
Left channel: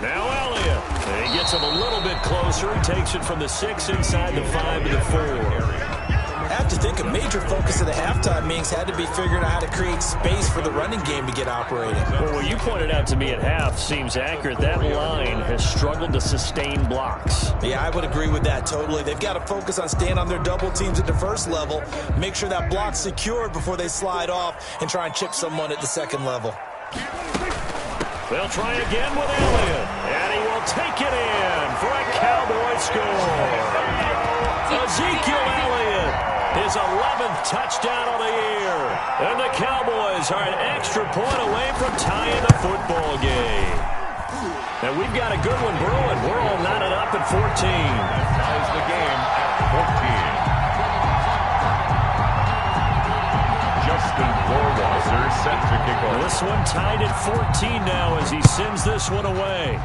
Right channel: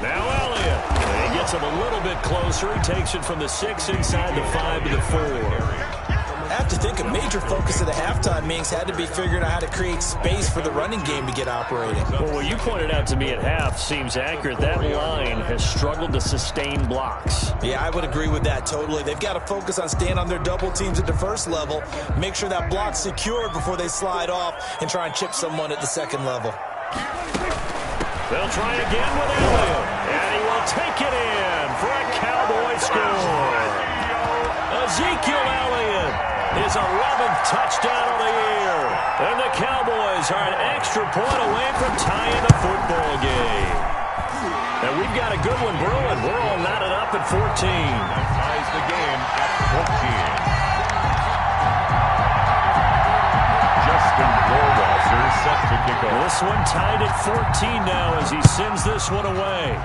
Now Elliott. And he gets him a little bit closer. He takes it from the 6 inside the 5 to the 4. I have to think a major focus of the halftime meetings had to be figuring out how to create space for the running game to get operating. Well, what you pointed out to me at half seems accurate. That line has struggled to sustain blocks. Yeah, I would agree with that totally. They've got to focus on staying on their double teams at the first level, make sure that block's secured before they slide off and try and chip someone at the second level. They'll try again with Elliott, and he will take it in for a Cowboy score. Ezekiel Elliott, his 11th touchdown of the year. And the Cowboys are an extra point away from tying the football game. And we've got a good one brewing. We're all knotted up at 14. That ties the game at 14. Justin Rohrwasser set to kick off. This one tied at 14 now as he sends this one away.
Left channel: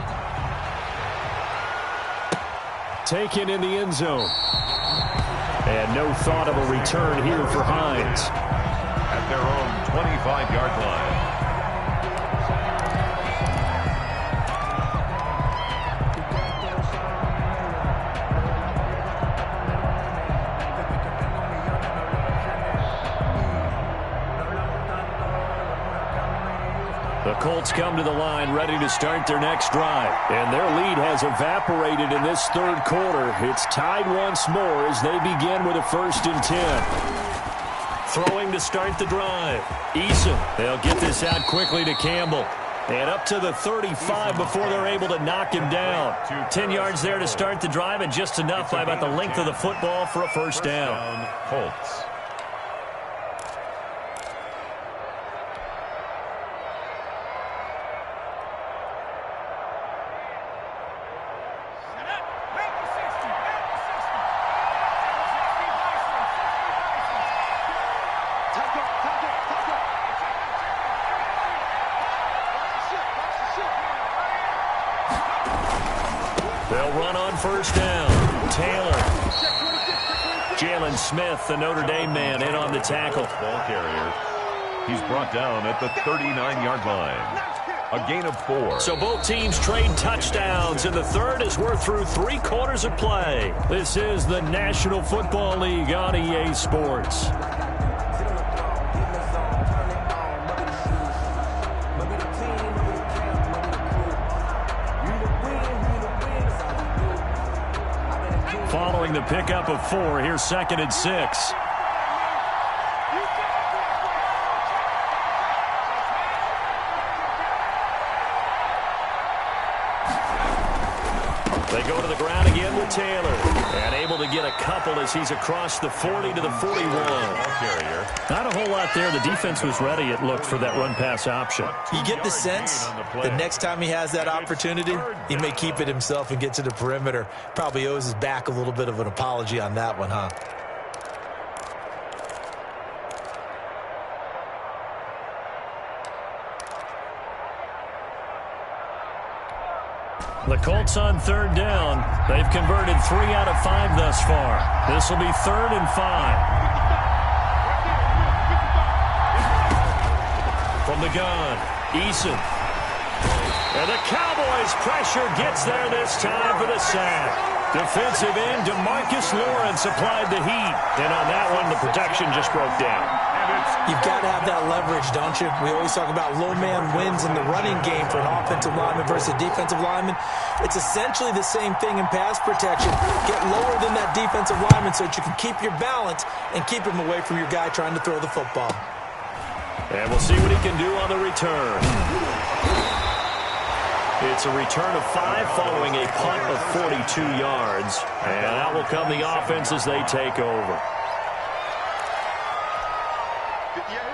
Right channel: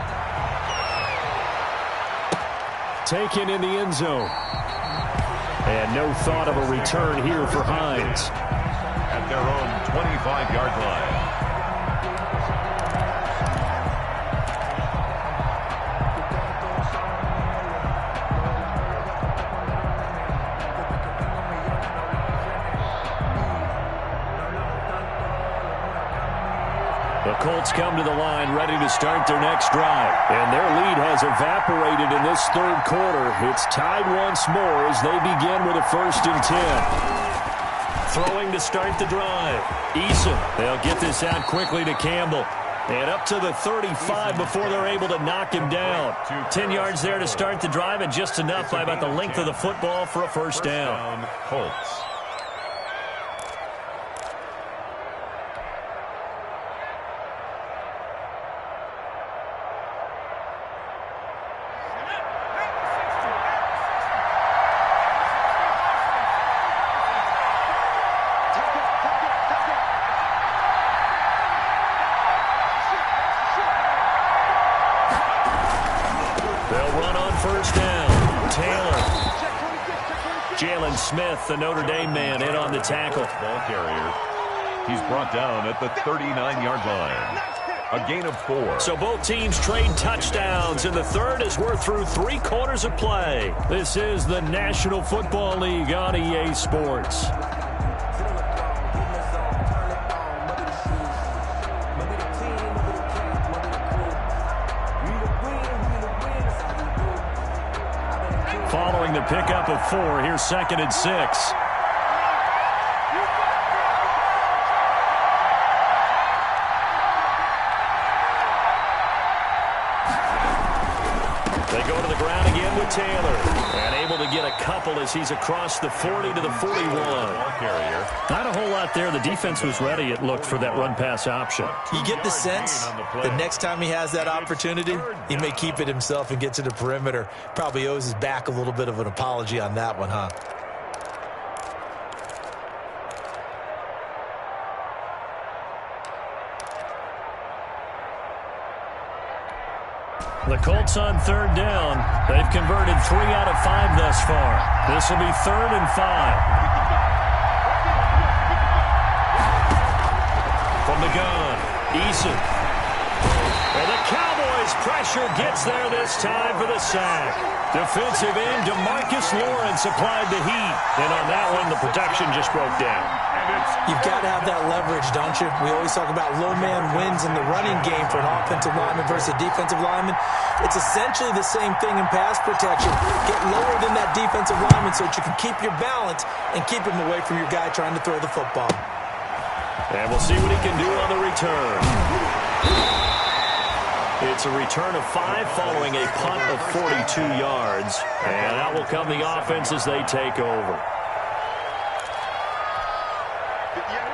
Taken in the end zone. And no thought of a return here for Hines. At their own 25-yard line. The Colts come to the line ready to start their next drive. And their lead has evaporated in this third quarter. It's tied once more as they begin with a 1st and 10. Throwing to start the drive. Eason. They'll get this out quickly to Campbell. And up to the 35 before they're able to knock him down. 10 yards there to start the drive and just enough by about the length of the football for a first down. Colts. They'll run on first down. Taylor. Jalen Smith, the Notre Dame man, in on the tackle. Ball carrier. He's brought down at the 39-yard line. A gain of 4. So both teams trade touchdowns, and the third as we're through 3 quarters of play. This is the National Football League on EA Sports. Following the pickup of 4, here's 2nd and 6. They go to the ground again with Taylor. And able to get a couple as he's across the 40 to the 41. Not a whole lot there. The defense was ready, it looked, for that run-pass option. You get the sense that next time he has that opportunity, he may keep it himself and get to the perimeter. Probably owes his back a little bit of an apology on that one, huh? The Colts on 3rd down. They've converted 3 out of 5 thus far. This will be 3rd and 5. From the gun, Eason. And the Cowboys' pressure gets there this time for the sack. Defensive end DeMarcus Lawrence applied the heat. And on that one, the protection just broke down. You've got to have that leverage, don't you? We always talk about low man wins in the running game for an offensive lineman versus a defensive lineman. It's essentially the same thing in pass protection. Get lower than that defensive lineman so that you can keep your balance and keep him away from your guy trying to throw the football. And we'll see what he can do on the return. It's a return of 5 following a punt of 42 yards. And out will come the offense as they take over.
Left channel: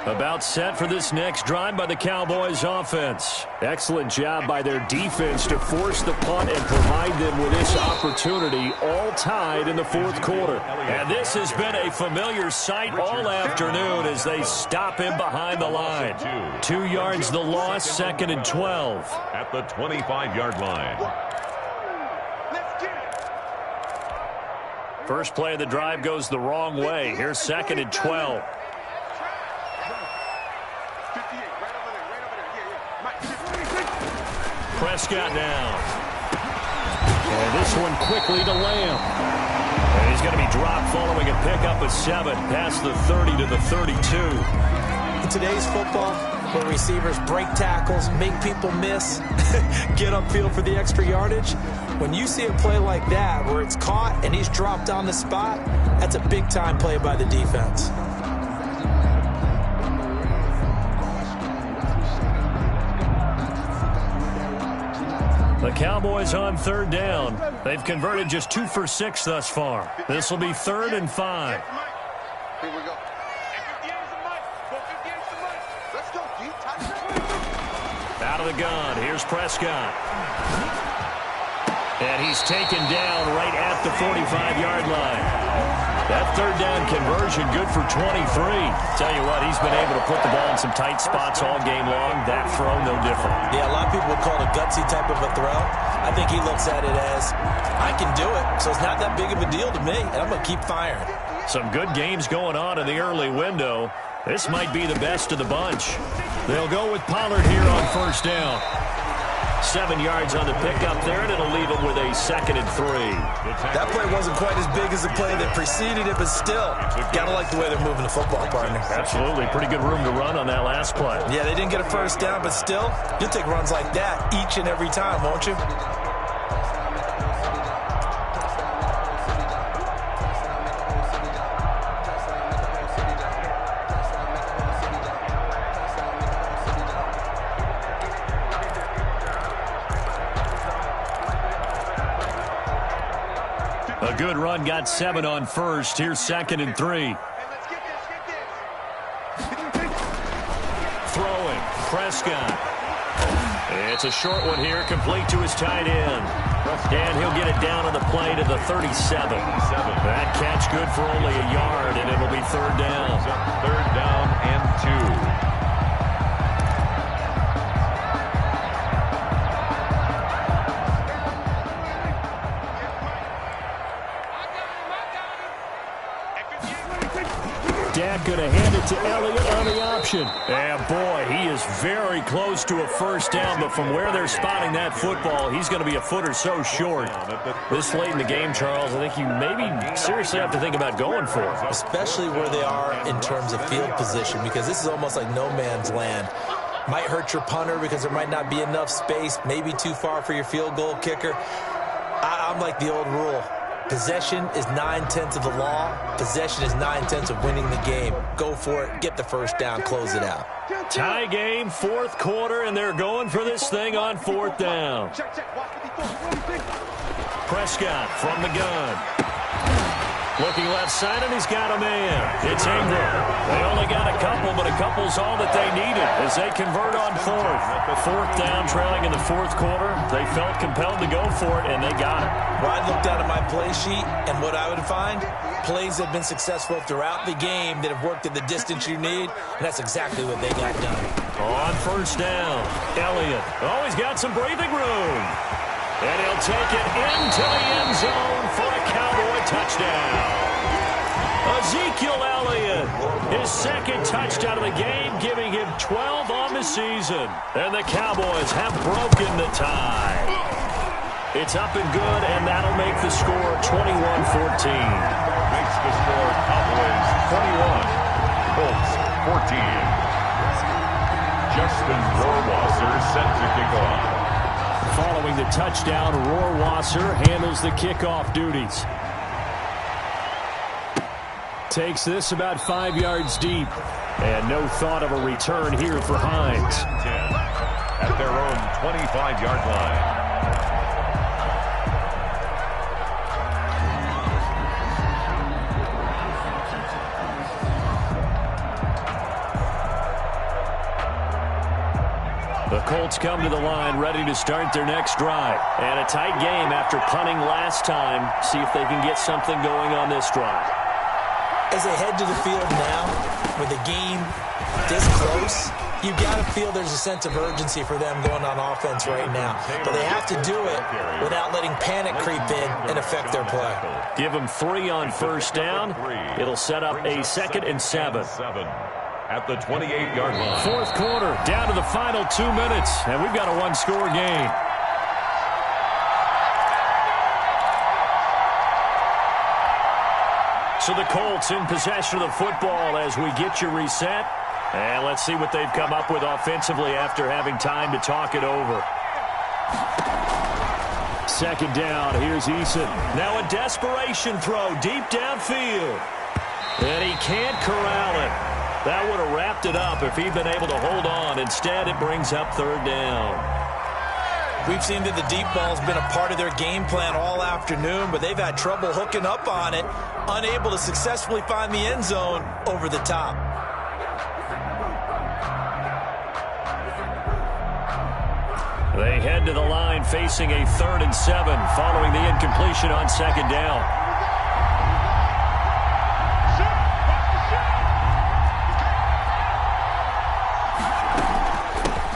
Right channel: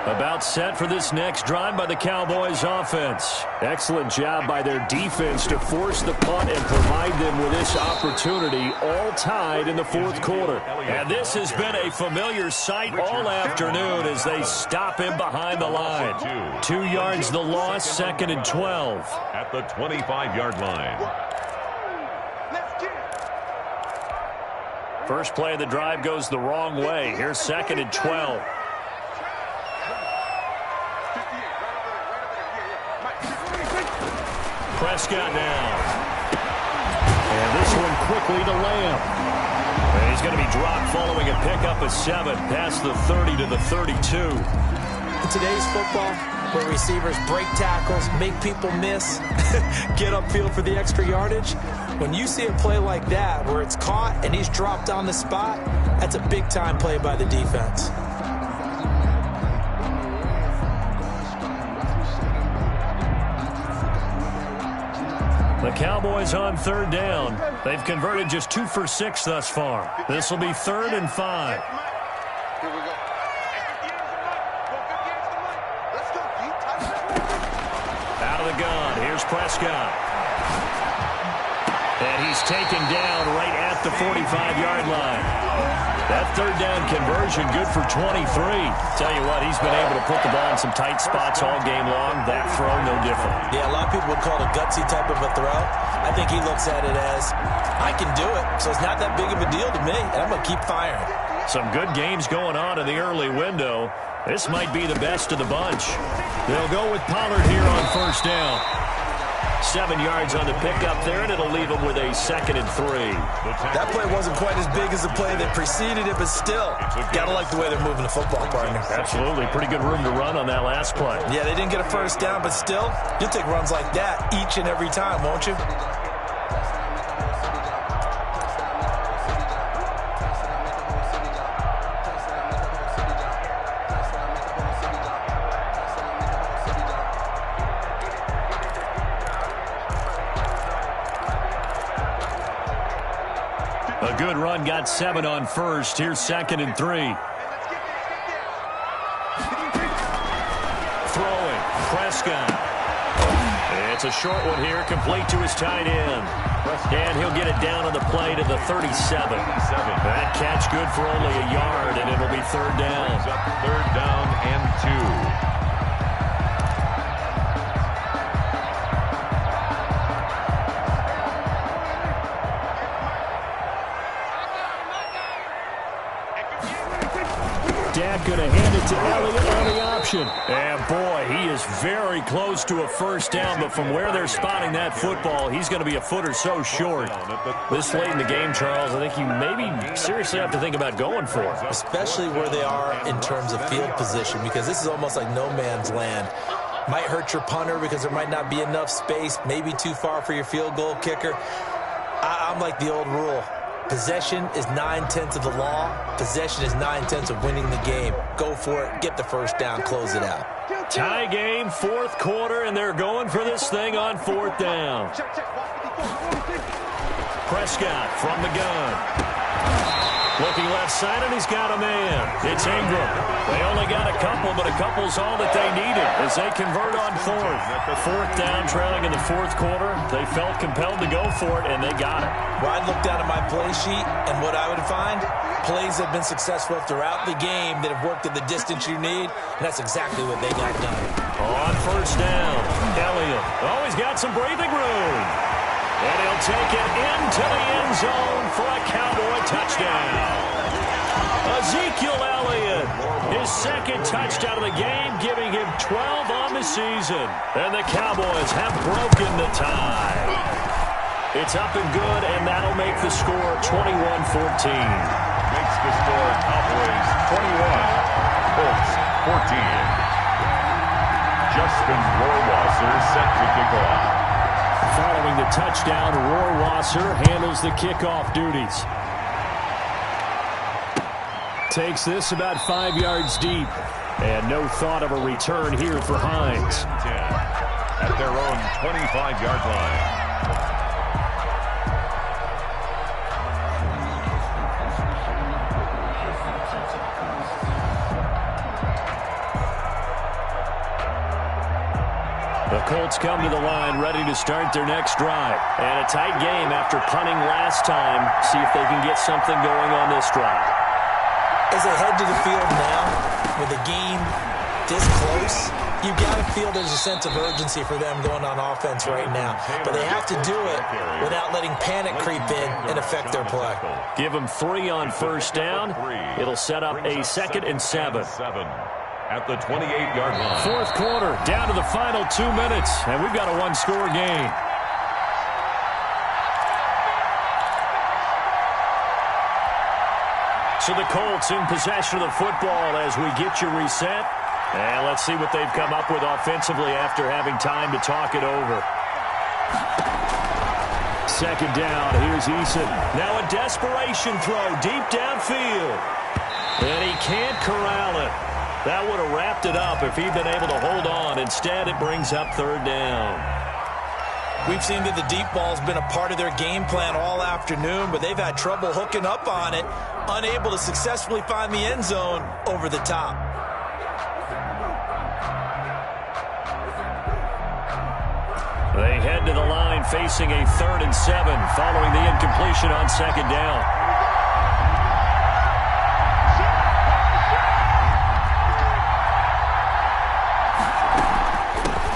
About set for this next drive by the Cowboys offense. Excellent job by their defense to force the punt and provide them with this opportunity, all tied in the 4th quarter. And this has been a familiar sight all afternoon as they stop him behind the line. 2 yards the loss, 2nd and 12. At the 25-yard line. First play of the drive goes the wrong way. Here's 2nd and 12. Prescott now. And this one quickly to Lamb. And he's going to be dropped following a pickup of 7 past the 30 to the 32. In today's football, where receivers break tackles, make people miss, get upfield for the extra yardage, when you see a play like that where it's caught and he's dropped on the spot, that's a big-time play by the defense. The Cowboys on 3rd down. They've converted just 2 for 6 thus far. This will be 3rd and 5. Here we go. Let's go, D. Out of the gun. Here's Prescott. And he's taken down right at the 45-yard line. That 3rd down conversion good for 23. Tell you what, he's been able to put the ball in some tight spots all game long. That throw, no different. Yeah, a lot of people would call it a gutsy type of a throw. I think he looks at it as, I can do it, so it's not that big of a deal to me, and I'm going to keep firing. Some good games going on in the early window. This might be the best of the bunch. They'll go with Pollard here on 1st down. 7 yards on the pickup there, and it'll leave them with a 2nd and 3. That play wasn't quite as big as the play that preceded it, but still, gotta like the way they're moving the football, partner. Absolutely. Pretty good room to run on that last play. Yeah, they didn't get a 1st down, but still, you'll take runs like that each and every time, won't you? A good run, got 7 on 1st. Here's 2nd and 3. Throwing, Prescott. It's a short one here, complete to his tight end. And he'll get it down on the play to the 37. That catch good for only a yard, and it'll be 3rd down. 3rd down and 2. Dak going to hand it to Elliott on the option. And boy, he is very close to a 1st down, but from where they're spotting that football, he's going to be a foot or so short. This late in the game, Charles, I think you maybe seriously have to think about going for it. Especially where they are in terms of field position, because this is almost like no man's land. Might hurt your punter because there might not be enough space, maybe too far for your field goal kicker. I'm like the old rule. Possession is 9/10 of the law. Possession is 9/10 of winning the game. Go for it. Get the 1st down. Close it out. Tie game, 4th quarter, and they're going for this thing on 4th down. Prescott from the gun. Looking left side, and he's got a man. It's Ingram. They only got a couple, but a couple's all that they needed as they convert on 4th. 4th down, trailing in the 4th quarter. They felt compelled to go for it, and they got it. Well, I looked down at my play sheet, and what I would find, plays have been successful throughout the game that have worked at the distance you need, and that's exactly what they got done. On 1st down, Elliott. Oh, he's got some breathing room. And he'll take it into the end zone for a Cowboy touchdown. Ezekiel Elliott, his 2nd touchdown of the game, giving him 12 on the season. And the Cowboys have broken the tie. It's up and good, and that'll make the score 21-14. Makes the score Cowboys 21, Colts 14. Justin Rohrwasser set to kick off. Following the touchdown, Rohrwasser handles the kickoff duties. Takes this about 5 yards deep. And no thought of a return here for Hines. 10 at their own 25-yard line. The Colts come to the line ready to start their next drive. And a tight game after punting last time. See if they can get something going on this drive. As they head to the field now, with the game this close, you've got to feel there's a sense of urgency for them going on offense right now. But they have to do it without letting panic creep in and affect their play. Give them 3 on 1st down. It'll set up a 2nd and 7. At the 28-yard line. 4th quarter, down to the final 2 minutes, and we've got a 1-score game. So the Colts in possession of the football as we get you reset. And let's see what they've come up with offensively after having time to talk it over. Second down, here's Eason. Now a desperation throw deep downfield. And he can't corral it. That would have wrapped it up if he'd been able to hold on. Instead, it brings up third down. We've seen that the deep ball's been a part of their game plan all afternoon, but they've had trouble hooking up on it, unable to successfully find the end zone over the top. They head to the line facing a 3rd and 7 following the incompletion on second down.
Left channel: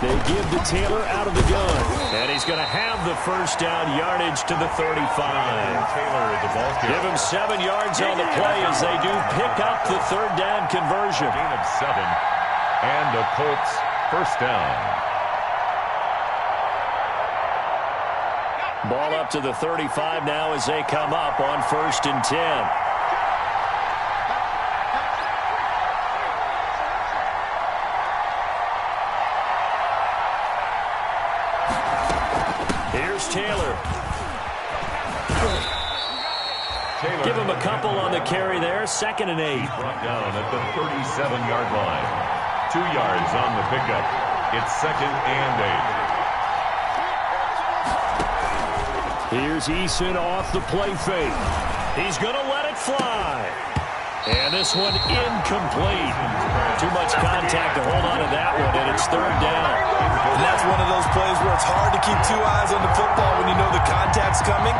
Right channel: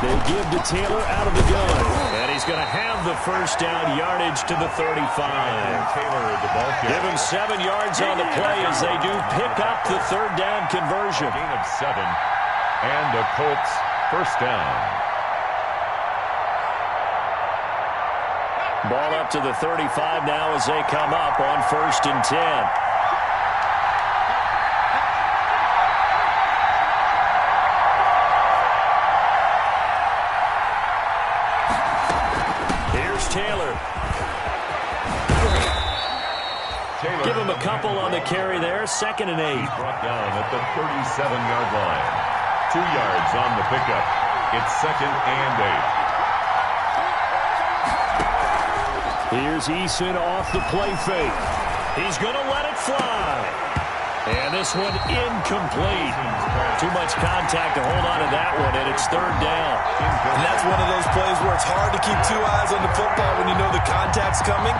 They give to Taylor out of the gun. And he's going to have the first down, yardage to the 35. Taylor at the ball carrier. Give him 7 yards on the play as they do pick up the third down conversion. Gain of 7. And the Colts first down. Ball up to the 35 now as they come up on 1st and 10. Here's Taylor. Give him a couple on the carry there. 2nd and 8. He's brought down at the 37-yard line. 2 yards on the pickup. It's 2nd and 8. Here's Eason off the play fake. He's going to let it fly. And this one incomplete. Too much contact to hold on to that one, and it's 3rd down. And that's one of those plays where it's hard to keep 2 eyes on the football when you know the contact's coming,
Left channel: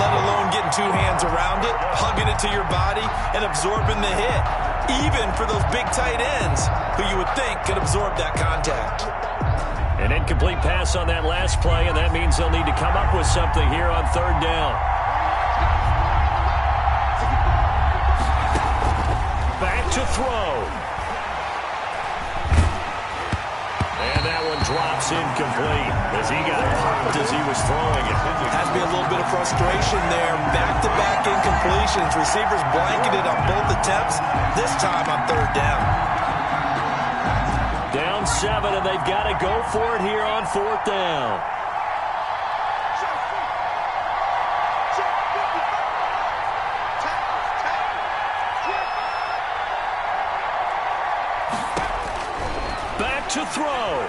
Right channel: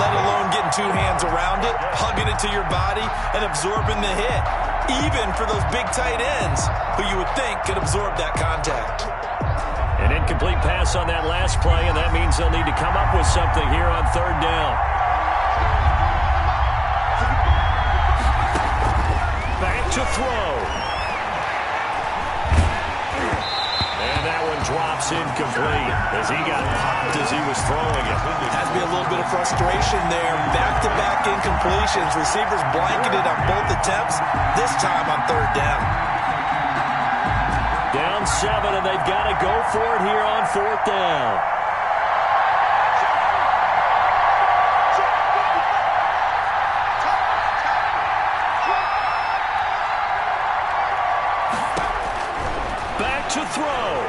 let alone getting 2 hands around it, hugging it to your body, and absorbing the hit, even for those big tight ends who you would think could absorb that contact. An incomplete pass on that last play, and that means they'll need to come up with something here on 3rd down. Back to throw. And that one drops incomplete as he got popped as he was throwing it. Has to be a little bit of frustration there. Back-to-back incompletions. Receivers blanketed on both attempts, this time on 3rd down. Down 7, and they've got to go for it here on 4th down. Back to throw.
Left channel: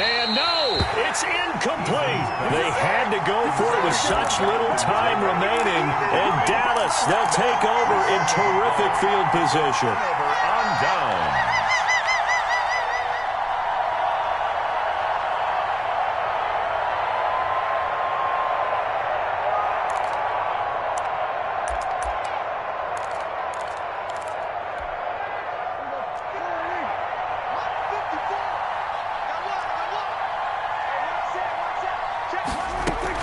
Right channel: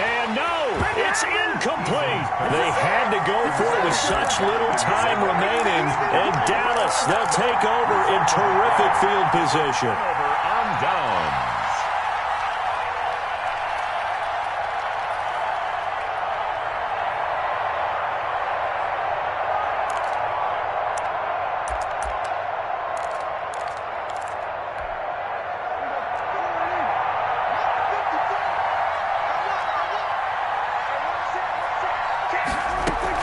And no, it's incomplete. They had to go for it with such little time remaining. And Dallas, they'll take over in terrific field position. On downs.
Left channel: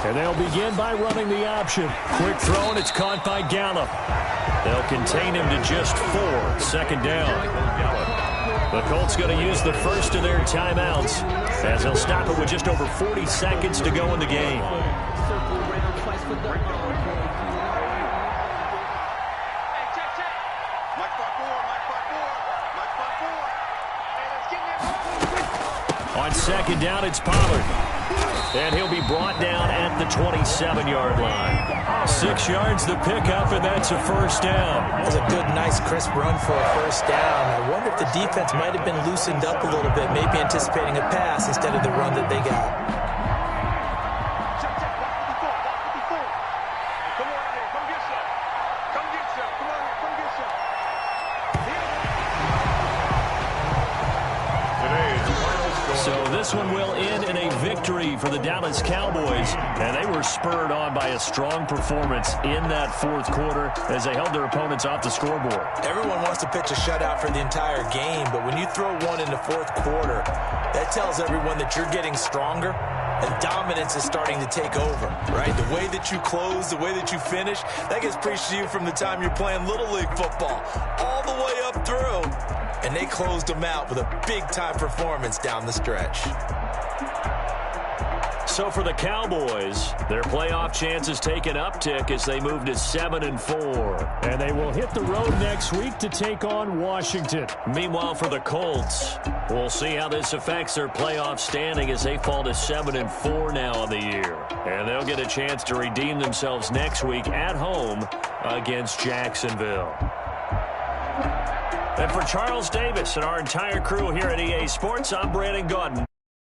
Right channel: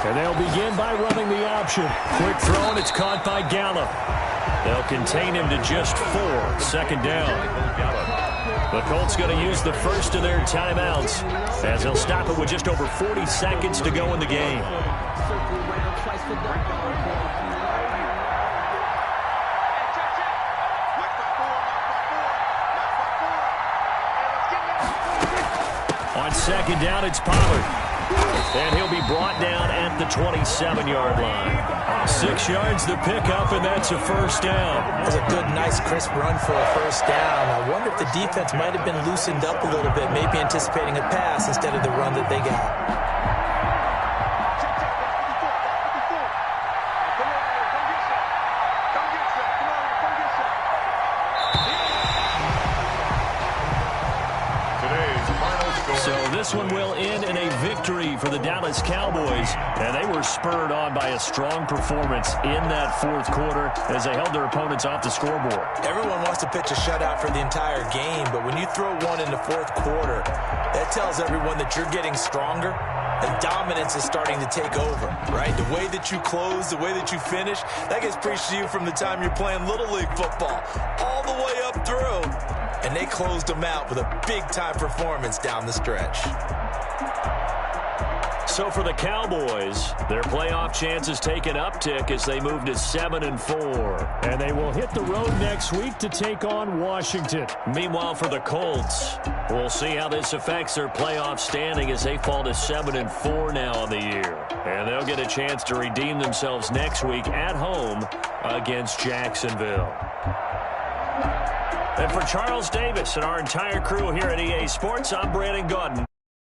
And they'll begin by running the option. Quick throw, and it's caught by Gallup. They'll contain him to just 4. 2nd down. The Colts going to use the first of their timeouts as they'll stop it with just over 40 seconds to go in the game. On 2nd down, it's Pollard. And he'll be brought down at the 27-yard line. 6 yards the pickup, and that's a 1st down. That's a good, nice, crisp run for a 1st down. I wonder if the defense might have been loosened up a little bit, maybe anticipating a pass instead of the run that they got. So this one will end in a victory for the Dallas Cowboys, and they were spurred on by a strong performance in that 4th quarter as they held their opponents off the scoreboard. Everyone wants to pitch a shutout for the entire game, but when you throw one in the 4th quarter, that tells everyone that you're getting stronger and dominance is starting to take over, right? The way that you close, the way that you finish, that gets preached to you from the time you're playing Little League football all the way up through. And they closed them out with a big-time performance down the stretch. So for the Cowboys, their playoff chances take an uptick as they move to 7-4. And they will hit the road next week to take on Washington. Meanwhile, for the Colts, we'll see how this affects their playoff standing as they fall to 7-4 now on the year. And they'll get a chance to redeem themselves next week at home against Jacksonville. And for Charles Davis and our entire crew here at EA Sports, I'm Brandon Gaudin.